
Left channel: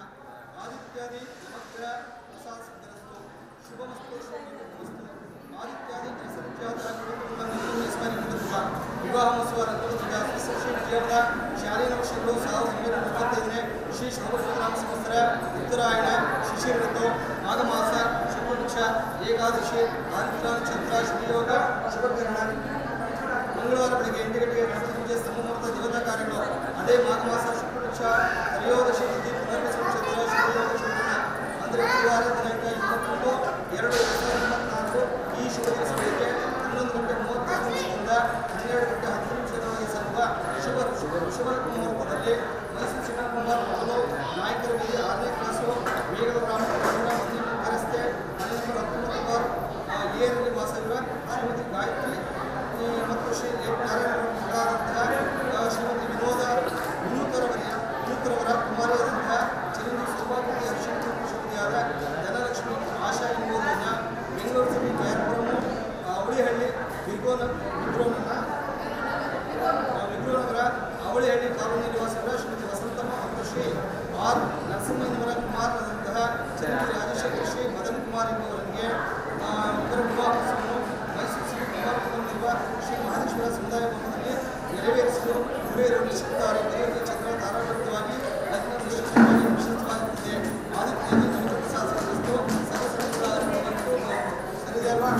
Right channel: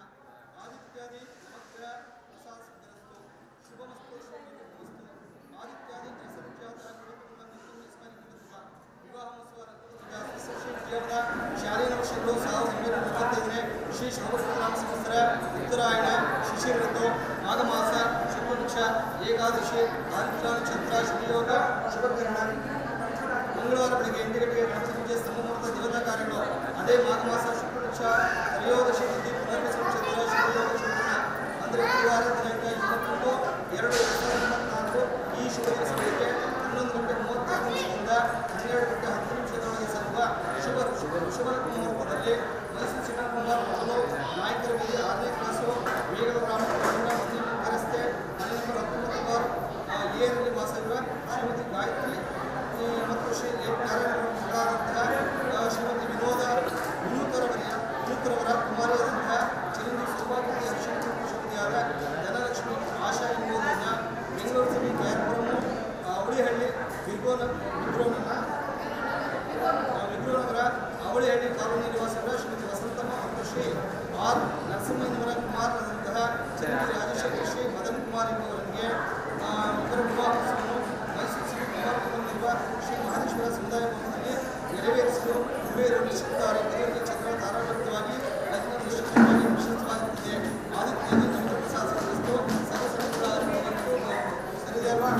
ಆದಿತ್ಯಾದಿ ಸಮಗ್ರ ಪ್ರಸಾದ ಸಿದ್ಧರಸ್ತು ಶುಭಮಸ್ತು ಶುಭಮಸ್ತು ಆದಿತ್ಯಾದಿ ವಿವಾಹ ಮಹೋತ್ಸವ ಶ್ರೀ ವಿಜಯಪುರ ಶಾಲೆಯ ವರ್ಷಗಳು 1935 ಶ್ರೀ ಶೋಭರಾಮ ಸಂವತ್ಸರ ಉತ್ತರಾಯಣ ಶಿಶಿರ ಋತು ಮಾಘ ಮಾಸ ಶುಕ್ಲಪಕ್ಷ ಏಕಾದಶಿ ಆದಿತ್ಯ ನಕ್ಷತ್ರ ಶ್ರೀಯೋಗ ಶುಭಕರಣ ಮಂಗಳವಾರ ಬೆಳಗ್ಗೆ 8 ಗಂಟೆಗೆ ಗಣಪತಿ ಪೂಜೆ ಸಂಭ್ರಮದ ದೇವತಾ ಕಾರ್ಯಗಳು ಅದೇ ಮಾಘ ಮಾಸ ಶುಕ್ಲಪಕ್ಷ ತ್ರಯೋದಶಿ ತಿಥಿ ಪುನರ್ವಸು ನಕ್ಷತ್ರ ಶ್ರೀಯೋಗ ಶುಭಕರಣ ಅಂದರೆ ಗುರುವಾರ ದಿನಾಂಕ 22/2/2024 ಈ ಶುಭ ದಿವಸಗಳಿಗೆ 11:36 12:10 ಸಲ್ಲುವ ಶುಭ ಮುಹೂರ್ತದಲ್ಲಿ ಮೈಸೂರು ಶಿವಕುಮಾರ್ ಮೊದಲು ನಾಯಕರ ಬೀದಿ 6ನೇ ಕ್ಲಾಸು ಮೇಘದ ಗ್ರಾಮ ಮಂದಿರ ರಸ್ತೆ ಮನೆ ನಂಬರ್ 19 ಎರಲ್ಲಿ ವಾಸವಿರುವ ಶ್ರೀಮತಿ ಗಾಯತ್ರಿ ಮತ್ತು ಶ್ರೀ ನಾರಾಯಣರಾದಂತಹ ಶ್ರೀಮತಿ ವಿನೂತರವರ ಕುಮಾರಿಯಾದಂತಹ ಚಿರಂಜೀವಿ ಸೌಭಾಗ್ಯ ಹರ್ಷಿಯಾದ ಧನಲಕ್ಷ್ಮಿ ಆಶಾ ಎಂಬುದನ್ನು ಬೆಂಗಳೂರು ಸಿಟಿ KR ಅವಳಿಹಳ್ಳಿ ವಿಗ್ರೋನಗರ ಅವಳಿಹಳ್ಳಿ ಕಾಲೋನಿ ನಿವಾಸಿಗಳ ಶ್ರೀಮತಿ ವಸಂತಮ್ಮ ಮತ್ತು ಶ್ರೀ ಆರ್ ನರಸಿಂಹಯ್ಯನವರ ಕುಮಾರರಾದಂತಹ ಚಿರಂಜೀವಿ ರಾಜಶೇಖರ್ ಶ್ರೀ ಮದನ್ ಕುಮಾರ್ ಎಂಬುವರಿಗೆ ಇವರ ವಿವಾಹವನ್ನು ಮೈಸೂರು ಸಿಟಿ ಕುಮಾರಪುರದಲ್ಲಿರುವ ಶ್ರೀ ಮಹದೇಶ್ವರ ಸಮುದಾಯ ಭವನದಲ್ಲಿ ನೆರವೇರಿಸಲು ಹಿರಿಯರು ನಿಶ್ಚಿತವಾಗಿ ಮದುವೆಗೆ ಚಂದ್ರ ತಾರಾಬದ್ಧವಾಗಿ ಲಗ್ನ ನಿಶ್ಚಿತವಾಗಿರುತ್ತದೆ ಆದಿತ್ಯದಲ್ಲಿ ನಮಗೆ ಪ್ರಸಾದ ಸರಿದೆ ಅಲ್ವಾ?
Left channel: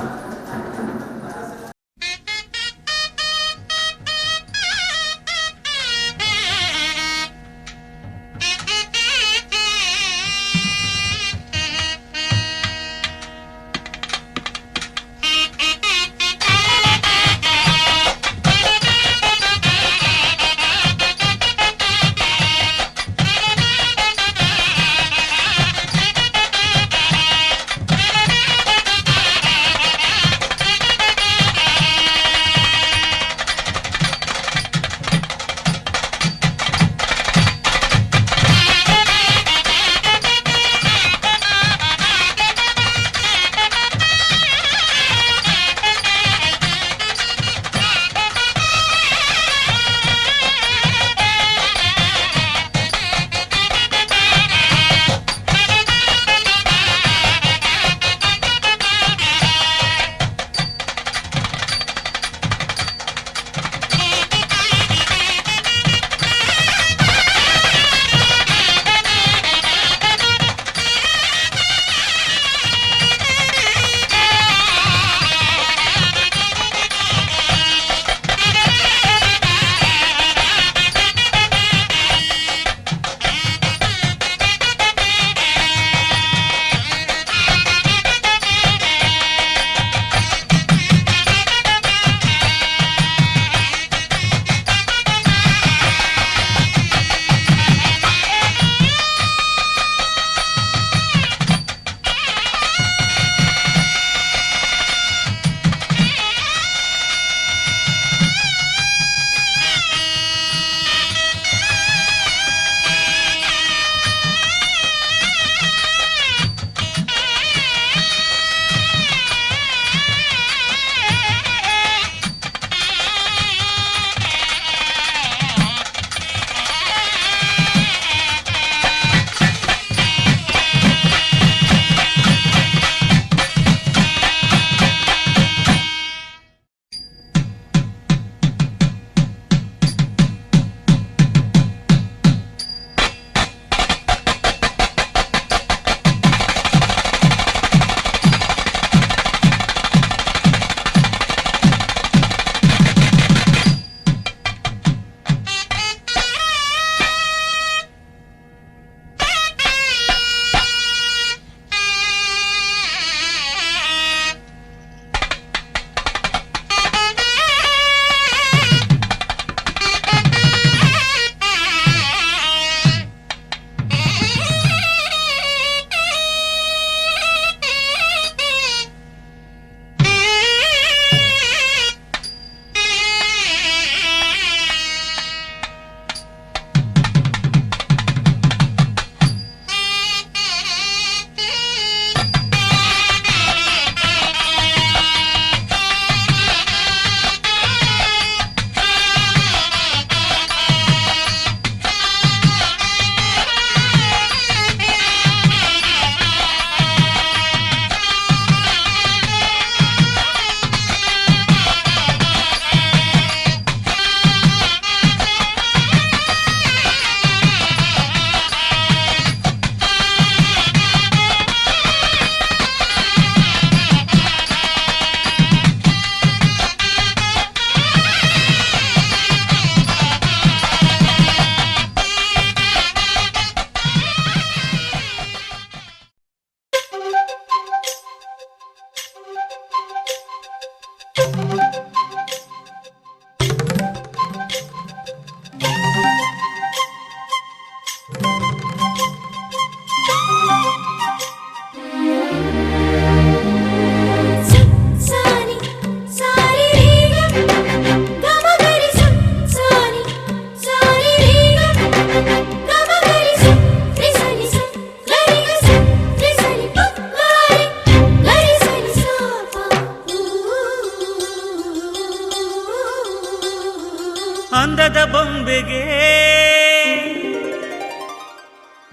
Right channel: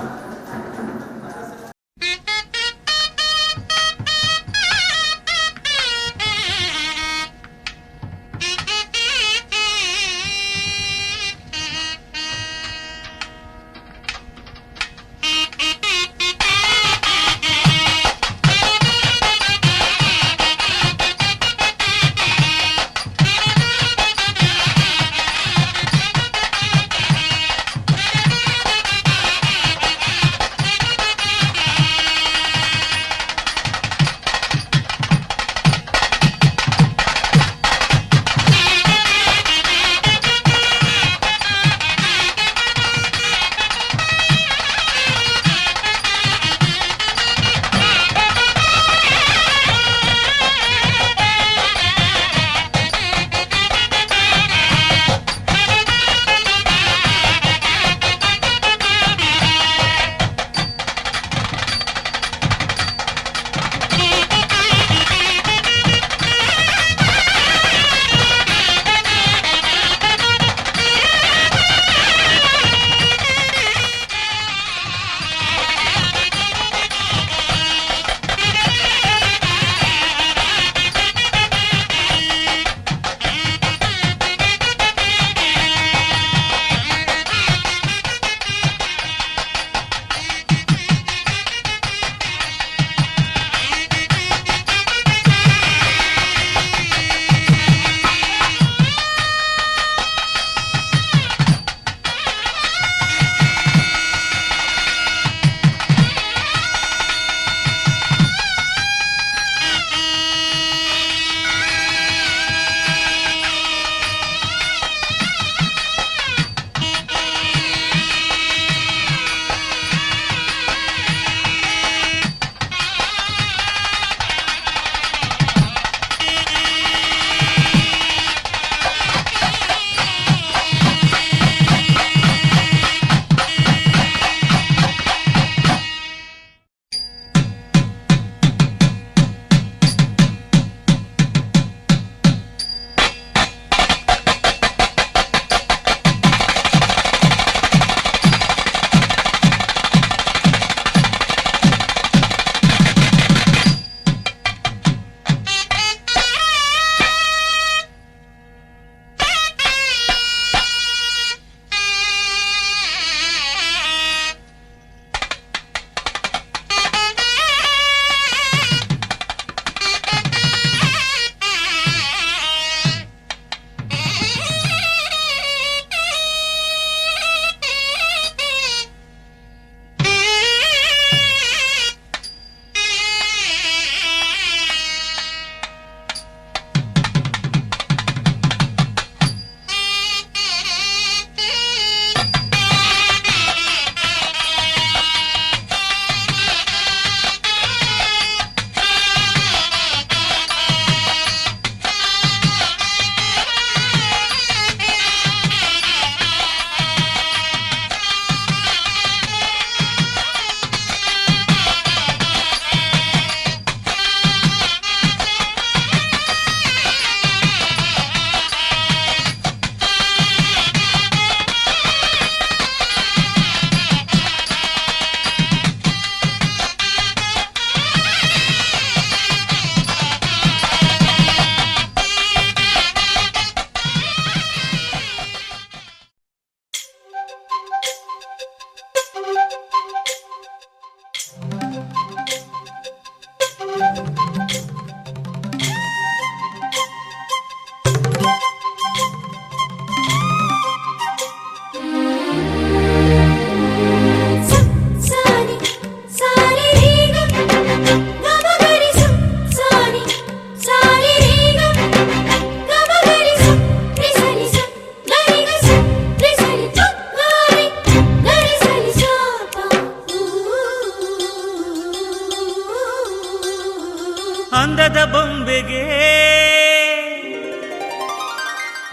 ಅಂದದ ಬೊಂಬೆಗೆ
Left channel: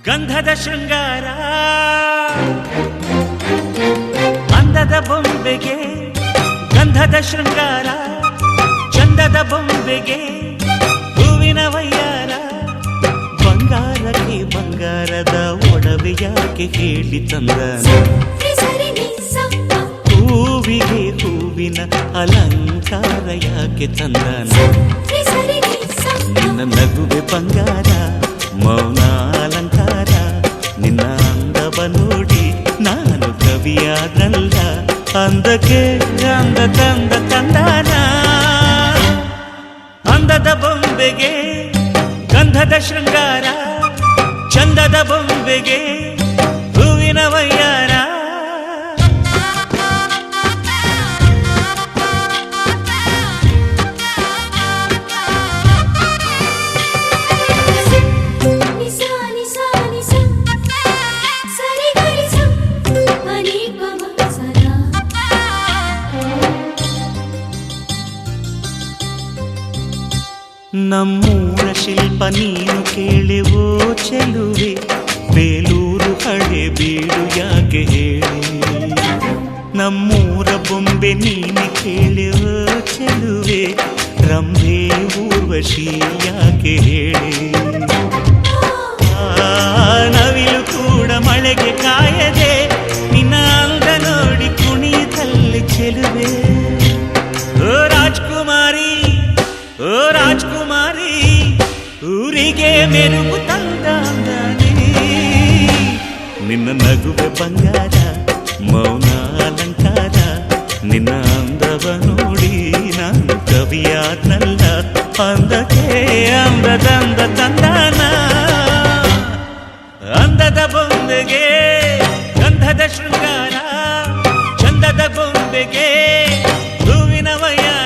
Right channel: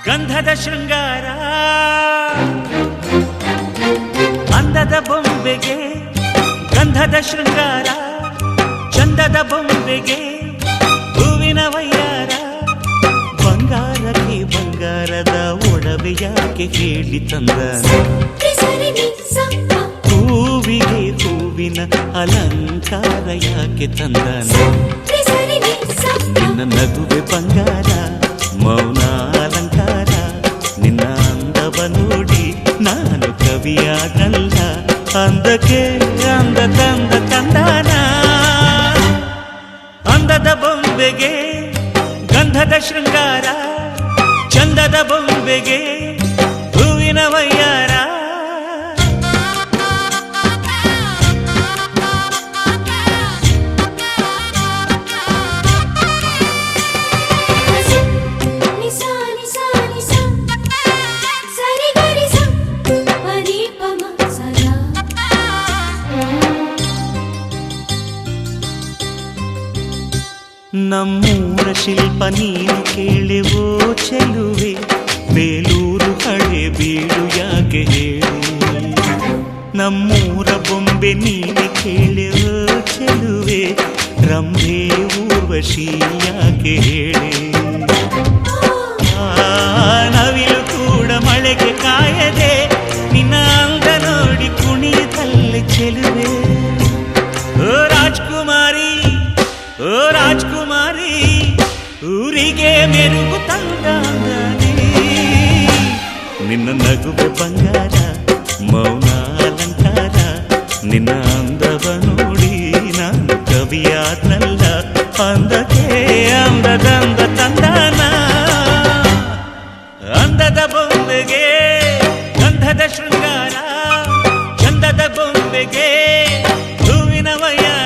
ಗಂಧದ ಶೃಂಗಾರ, ಅಂದದ ಬೊಂಬೆಗೆ ಗಂಧದ ಶೃಂಗಾರ, ಚಂದದ ಬೊಂಬೆಗೆ ಹೂವಿನ ವಯ್ಯಾರ. ಬಂಗಾರಕ್ಕೆ ಬಂಗಾರದ ಒಡವೆ ಯಾಕೆ ಹೇಳಿ ತಂದನ, ಹೂವಿಗೆ ಹೂವಿನ ಅಲಂಕಾರ ಯಾಕೆ ತಂದನ. ನಿನ್ನ ನಗುವೆ ಬಂಗಾರ, ಮೌನ ಅಲಂಕಾರ, ನಿನ್ನ ಅಂದವ ನೋಡಿ ನಾನು ಕವಿಯಾದಲ್ಲ. ಅಂದಕ್ಕೆ ಅಂದ ತಂದ ತಂದಾನ, ಅಂದದ ಬೊಂಬೆಗೆ ಗಂಧದ ಶೃಂಗಾರ, ಚಂದದ ಬೊಂಬೆಗೆ ಹೂವಿನ ವಯ್ಯಾರ. ನಮ್ಮೂರ ಶಿಲ್ಪ ನೀನು ಕೇಳೆವೋ ಚೆಲುವೆ, ಬೇಲೂರು ಹಳೆ ಬೀಡು ಯಾಕೆ ಹೇಳಿ. ನಮ್ಮೂರ ಬೊಂಬೆ ನೀನು ಕೇಳೆವೋ ಚೆಲುವೆ, ರಂಭೆ ಊರ್ವಶಿ ಯಾಕೆ ಹೇಳಿ. ನವಿಲು ಕೂಡ ಮಳೆಗೆ ಕಾಯದೆ ನಿನ್ನ ಅಂದ ನೋಡಿ ಕುಣಿತಲ್ಲಿ ಚೆಲುವೆ. ಓ ರಾಜ್ಕುಮಾರಿ, ಓ ರಾಜ್ಕುಮಾರಿ, ಊರಿಗೆ ಮೆರುಗು ತಂದಾನೆ. ನಿನ್ನ ನಗುವೆ ಬಂಗಾರ, ಮೌನ ಅಲಂಕಾರ, ನಿನ್ನ ಅಂದವ ನೋಡಿ ನಾನು ಕವಿಯಾದ್ನಲ್ಲ. ಅಂದಕ್ಕೆ ಅಂದದಂದ ತಂದಾನ, ಅಂದದ ಬೊಂಬೆಗೆ ಗಂಧದ ಶೃಂಗಾರ, ಚಂದದ ಬೊಂಬೆಗೆ ಹೂವಿನ ವಯ್ಯಾರ.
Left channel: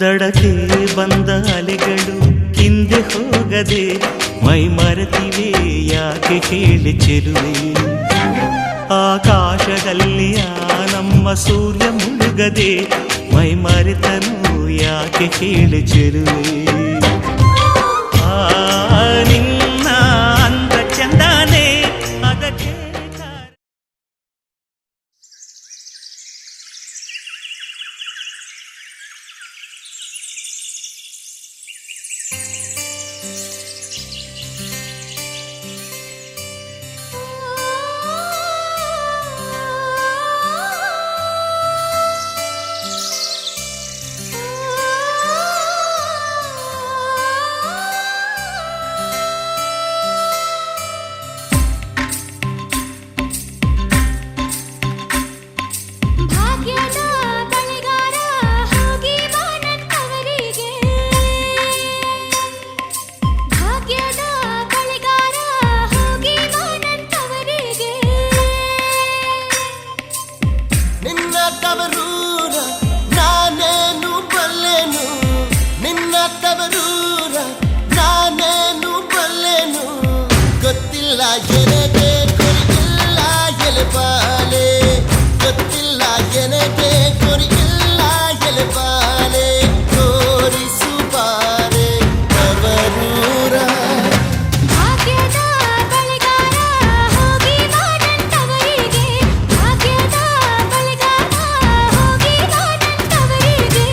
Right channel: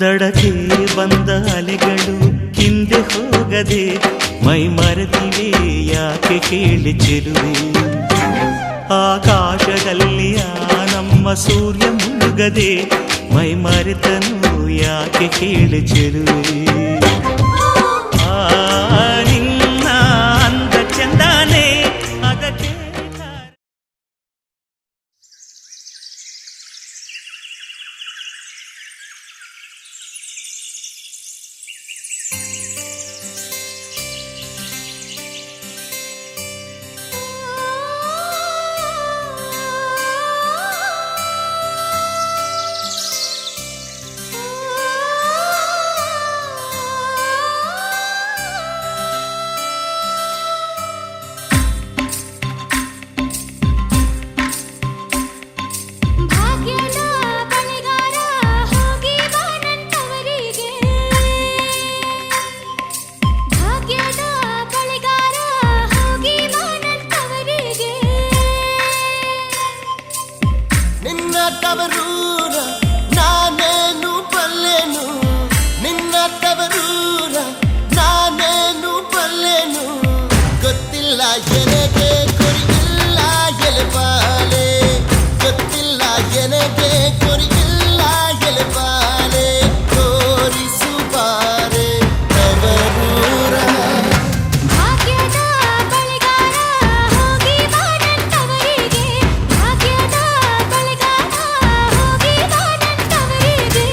ದಡಕ್ಕೆ ಬಂದ ಅಲೆಗಳು ಹಿಂದೆ ಹೋಗದೆ ಮೈ ಮರೆತಿವೆ ಯಾಕೆ ಕೇಳಿ ಚೆಲುವೆ. ಆಕಾಶದಲ್ಲಿ ಆ ನಮ್ಮ ಸೂರ್ಯ ಮುಳುಗದೆ ಮೈ ಮರೆತನು ಯಾಕೆ ಕೇಳಿ ಚೆಲುವೆ. ನಿನ್ನ ಅಂದ ಚಂದಾನೆ ಅದಕ್ಕೆ ಎನಗೆ ಕೊರಿಗಿಲ್ಲ ಎಲೆಬಾಲೆ, ಗೊತ್ತಿಲ್ಲ ಎನಗೆ ಕೊರಿಗಿಲ್ಲ ಎಲೆಬಾಲೆ. ತೋರಿಸುಬಾರೆ ತವರೂರ ಭಾಗ್ಯದ ಬಳೆಗಾರ ಹೋಗಿ ಬಾನಂತವರಿಗೆ, ಭಾಗ್ಯದ ಬಳೆಗಾರ ಹೋಗಿ ಬಾನಂತವರಿಗೆ.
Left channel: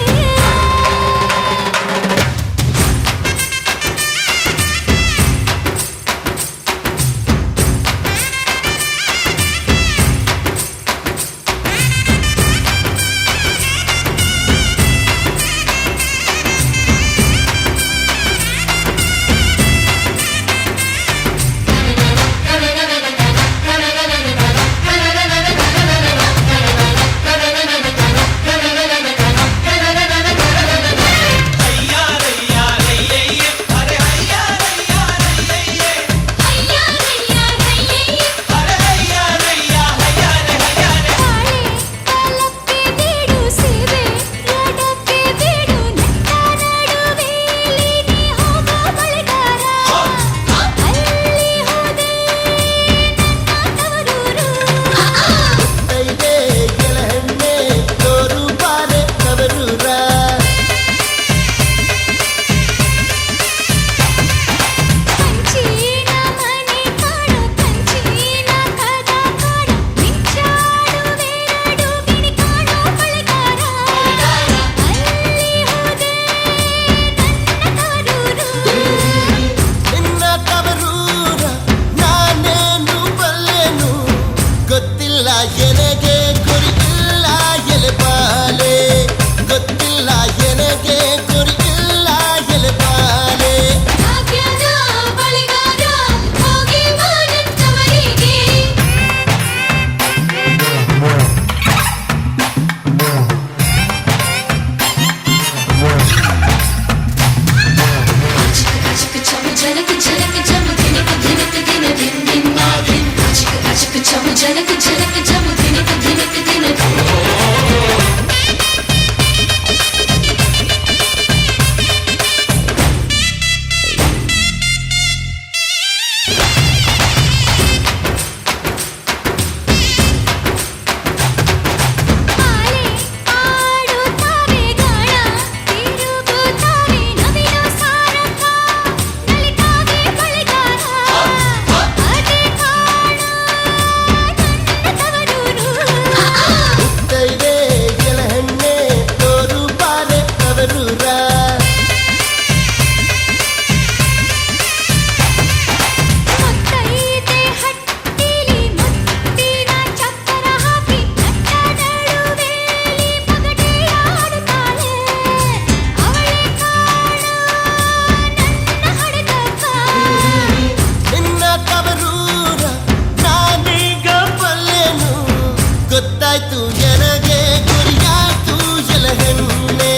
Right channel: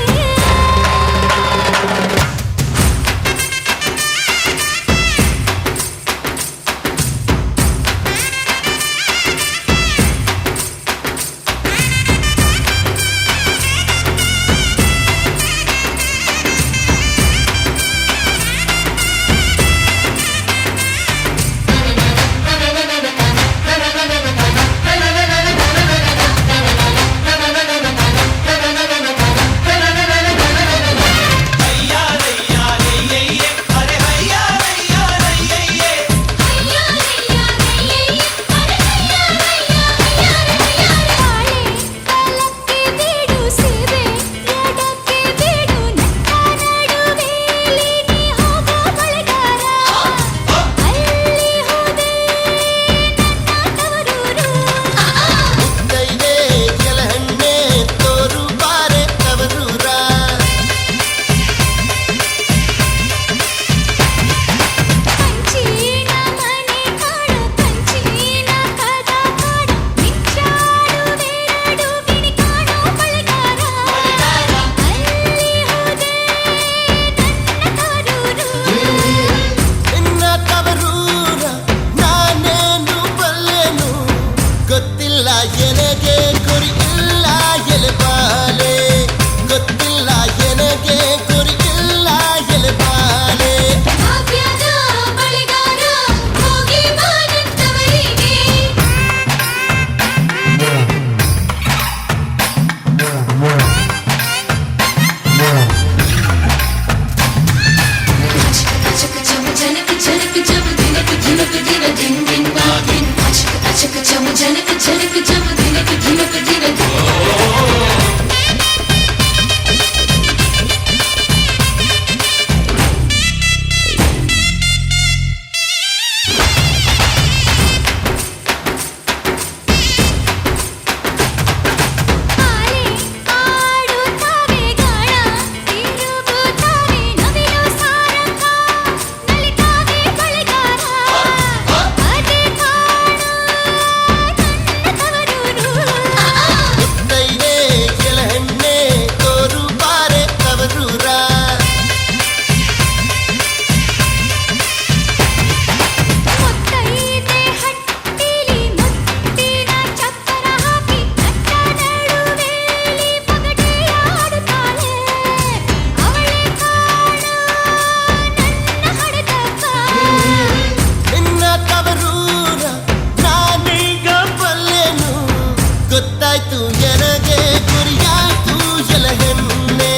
ಗೊತ್ತಿಲ್ಲ ಎನಗೆ ಗುರಿ ಇಲ್ಲ ಎಲೆಬಾಲೆ ಗೊತ್ತಿಲ್ಲ ಎನಗೆ ಗುರಿ ಇಲ್ಲ ಎಲೆಬಾಲೆ ಭಾಗ್ಯದ ಬಳಿಗಾರ ಹೋಗಿ ಬಾರಂತವರಿಗೆ Chicka chicka chicka chicka chicka dinka dinka dinka din din ba din. Chicka chicka chicka chicka chicka dinka dinka dinka din. ಆಲೆ ಆಡುತ್ತಾರೆ ಗಾಳ ತಿರುಗುತ್ತಾರೆ ನವಿಲು ಸಾರಂಗ ನಲಿತಾಗೆ ಬಳಿಗಾರ ಅದೇ ಕಾಣು ನನ್ನ ತವರೂರು ದೈವೆ ಎಲಹೆಣ್ಣೆ ತೋರು ಬಾರೆ ತವರೂರ ಮುತ್ತೈದೆ ಹಟ್ಟಿಲಿ ಮುತ್ತಿನ ಚಪ್ಪರ ಹಾಕಿ ನಟ್ಟ ನಡುವೆಲಿ ಪಗಡೆಯಾಡುತ್ತಾಳೆ ಅವಳೆ ಕಾಣು ನನ್ನ ಹಡಗಪ್ಪ ನಿನ್ನ ತವರೂರ ನಾನೀಗ ಬಲ್ಲೆನು ಗೊತ್ತಾಯ್ತು ಎನಗೆ ಗುರಿಯಾಯ್ತು ಎಲಹೆಣ್ಣೆ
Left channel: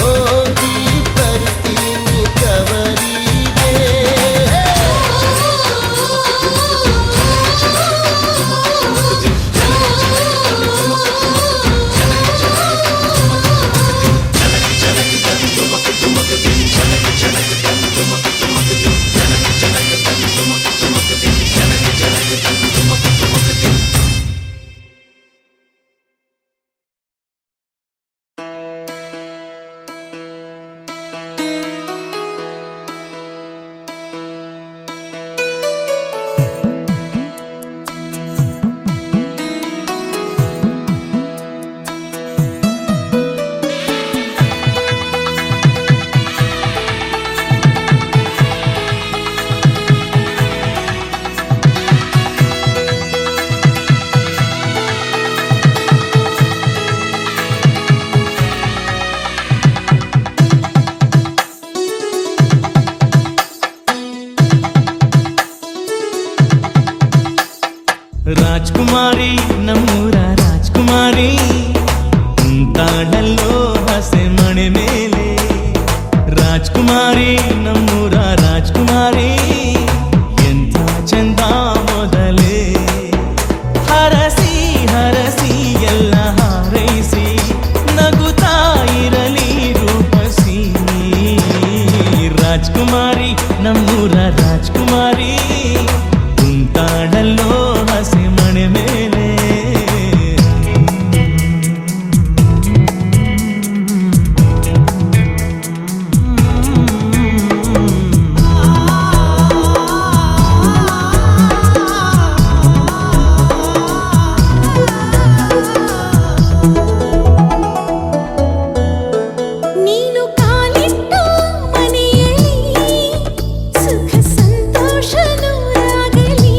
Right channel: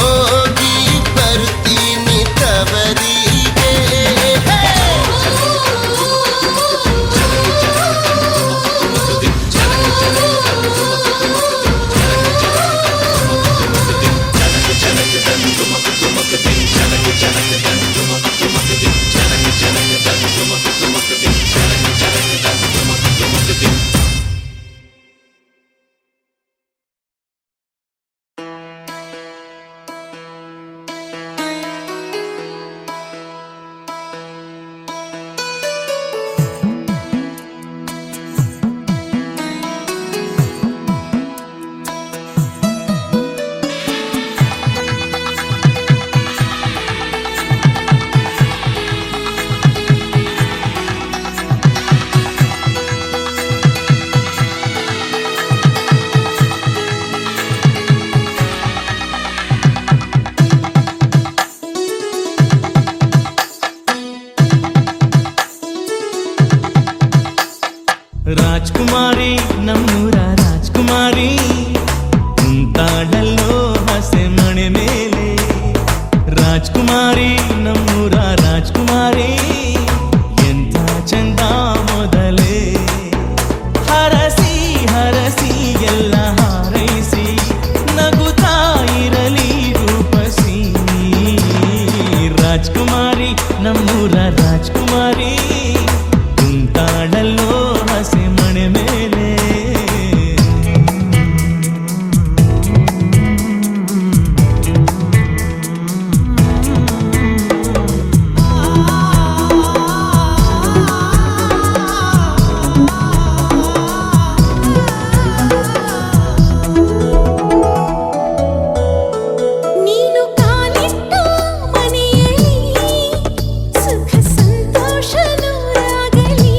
ಹೋಗಿ ಬರ್ತೀನಿ ತವರಿಗೆ ರಾಜ್ಕುಮಾರಿ ನಮ್ಮೂರ ರಾಜ್ಕುಮಾರಿ ಕುಂತಾಳಲ್ಲೋ ಹಸೆ ಮಣೆ ಮೇಲೆ ರಾಜ್ಕುಮಾರಿ ನಮ್ಮೂರ ರಾಜ್ಕುಮಾರಿ ಎಂಥ ಚಂದ ಮೊದಲೇ ಹರಸಿ ಹರಸಿ ಎಲ್ಲ ಹಾರೈಸಿ ನಗುತ್ತಾ ಇರಲಿ ರೂಪಸಿ ರಾಜ್ಕುಮಾರಿ ನಮ್ಮೂರ ರಾಜ್ಕುಮಾರಿ ಕುಂತಾಳಲ್ಲೋ ಹಸೆ ಮಣೆ ಮೇಲೆ ನೀನು ಕಾಲಿಟ್ಟ ಮನೆಯಲ್ಲಿ ಸುಖ ಸಂತೋಷ ನೂರಾಗಲಿ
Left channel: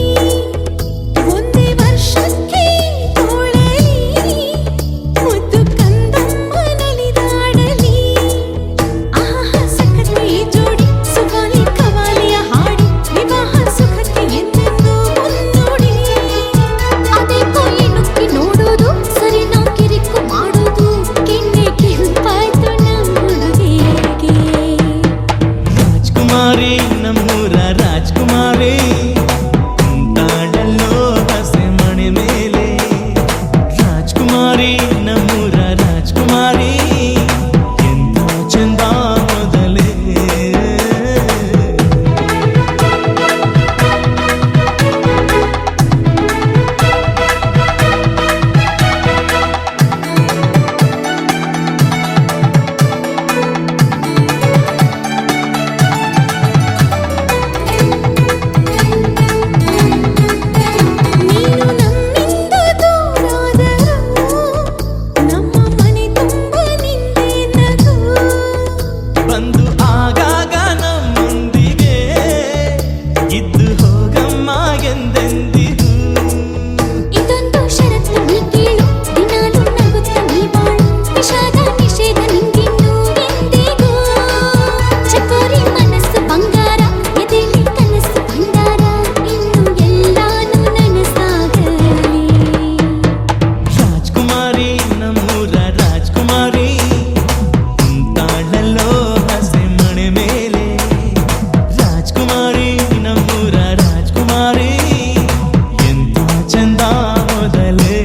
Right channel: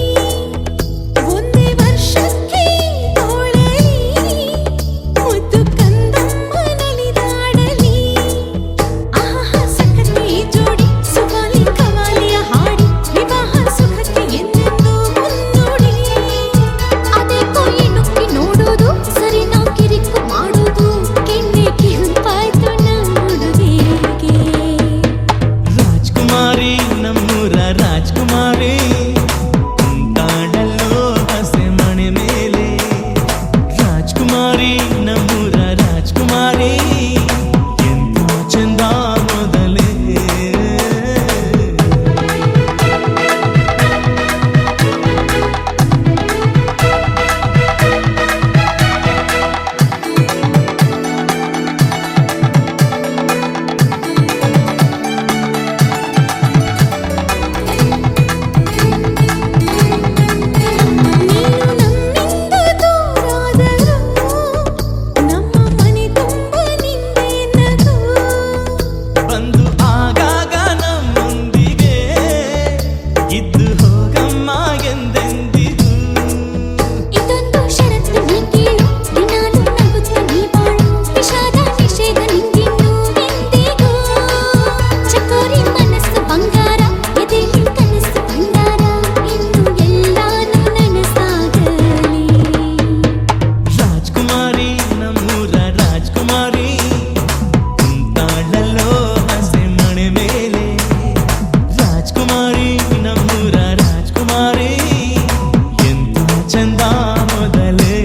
ಬಂದ ಮೊದಲೇ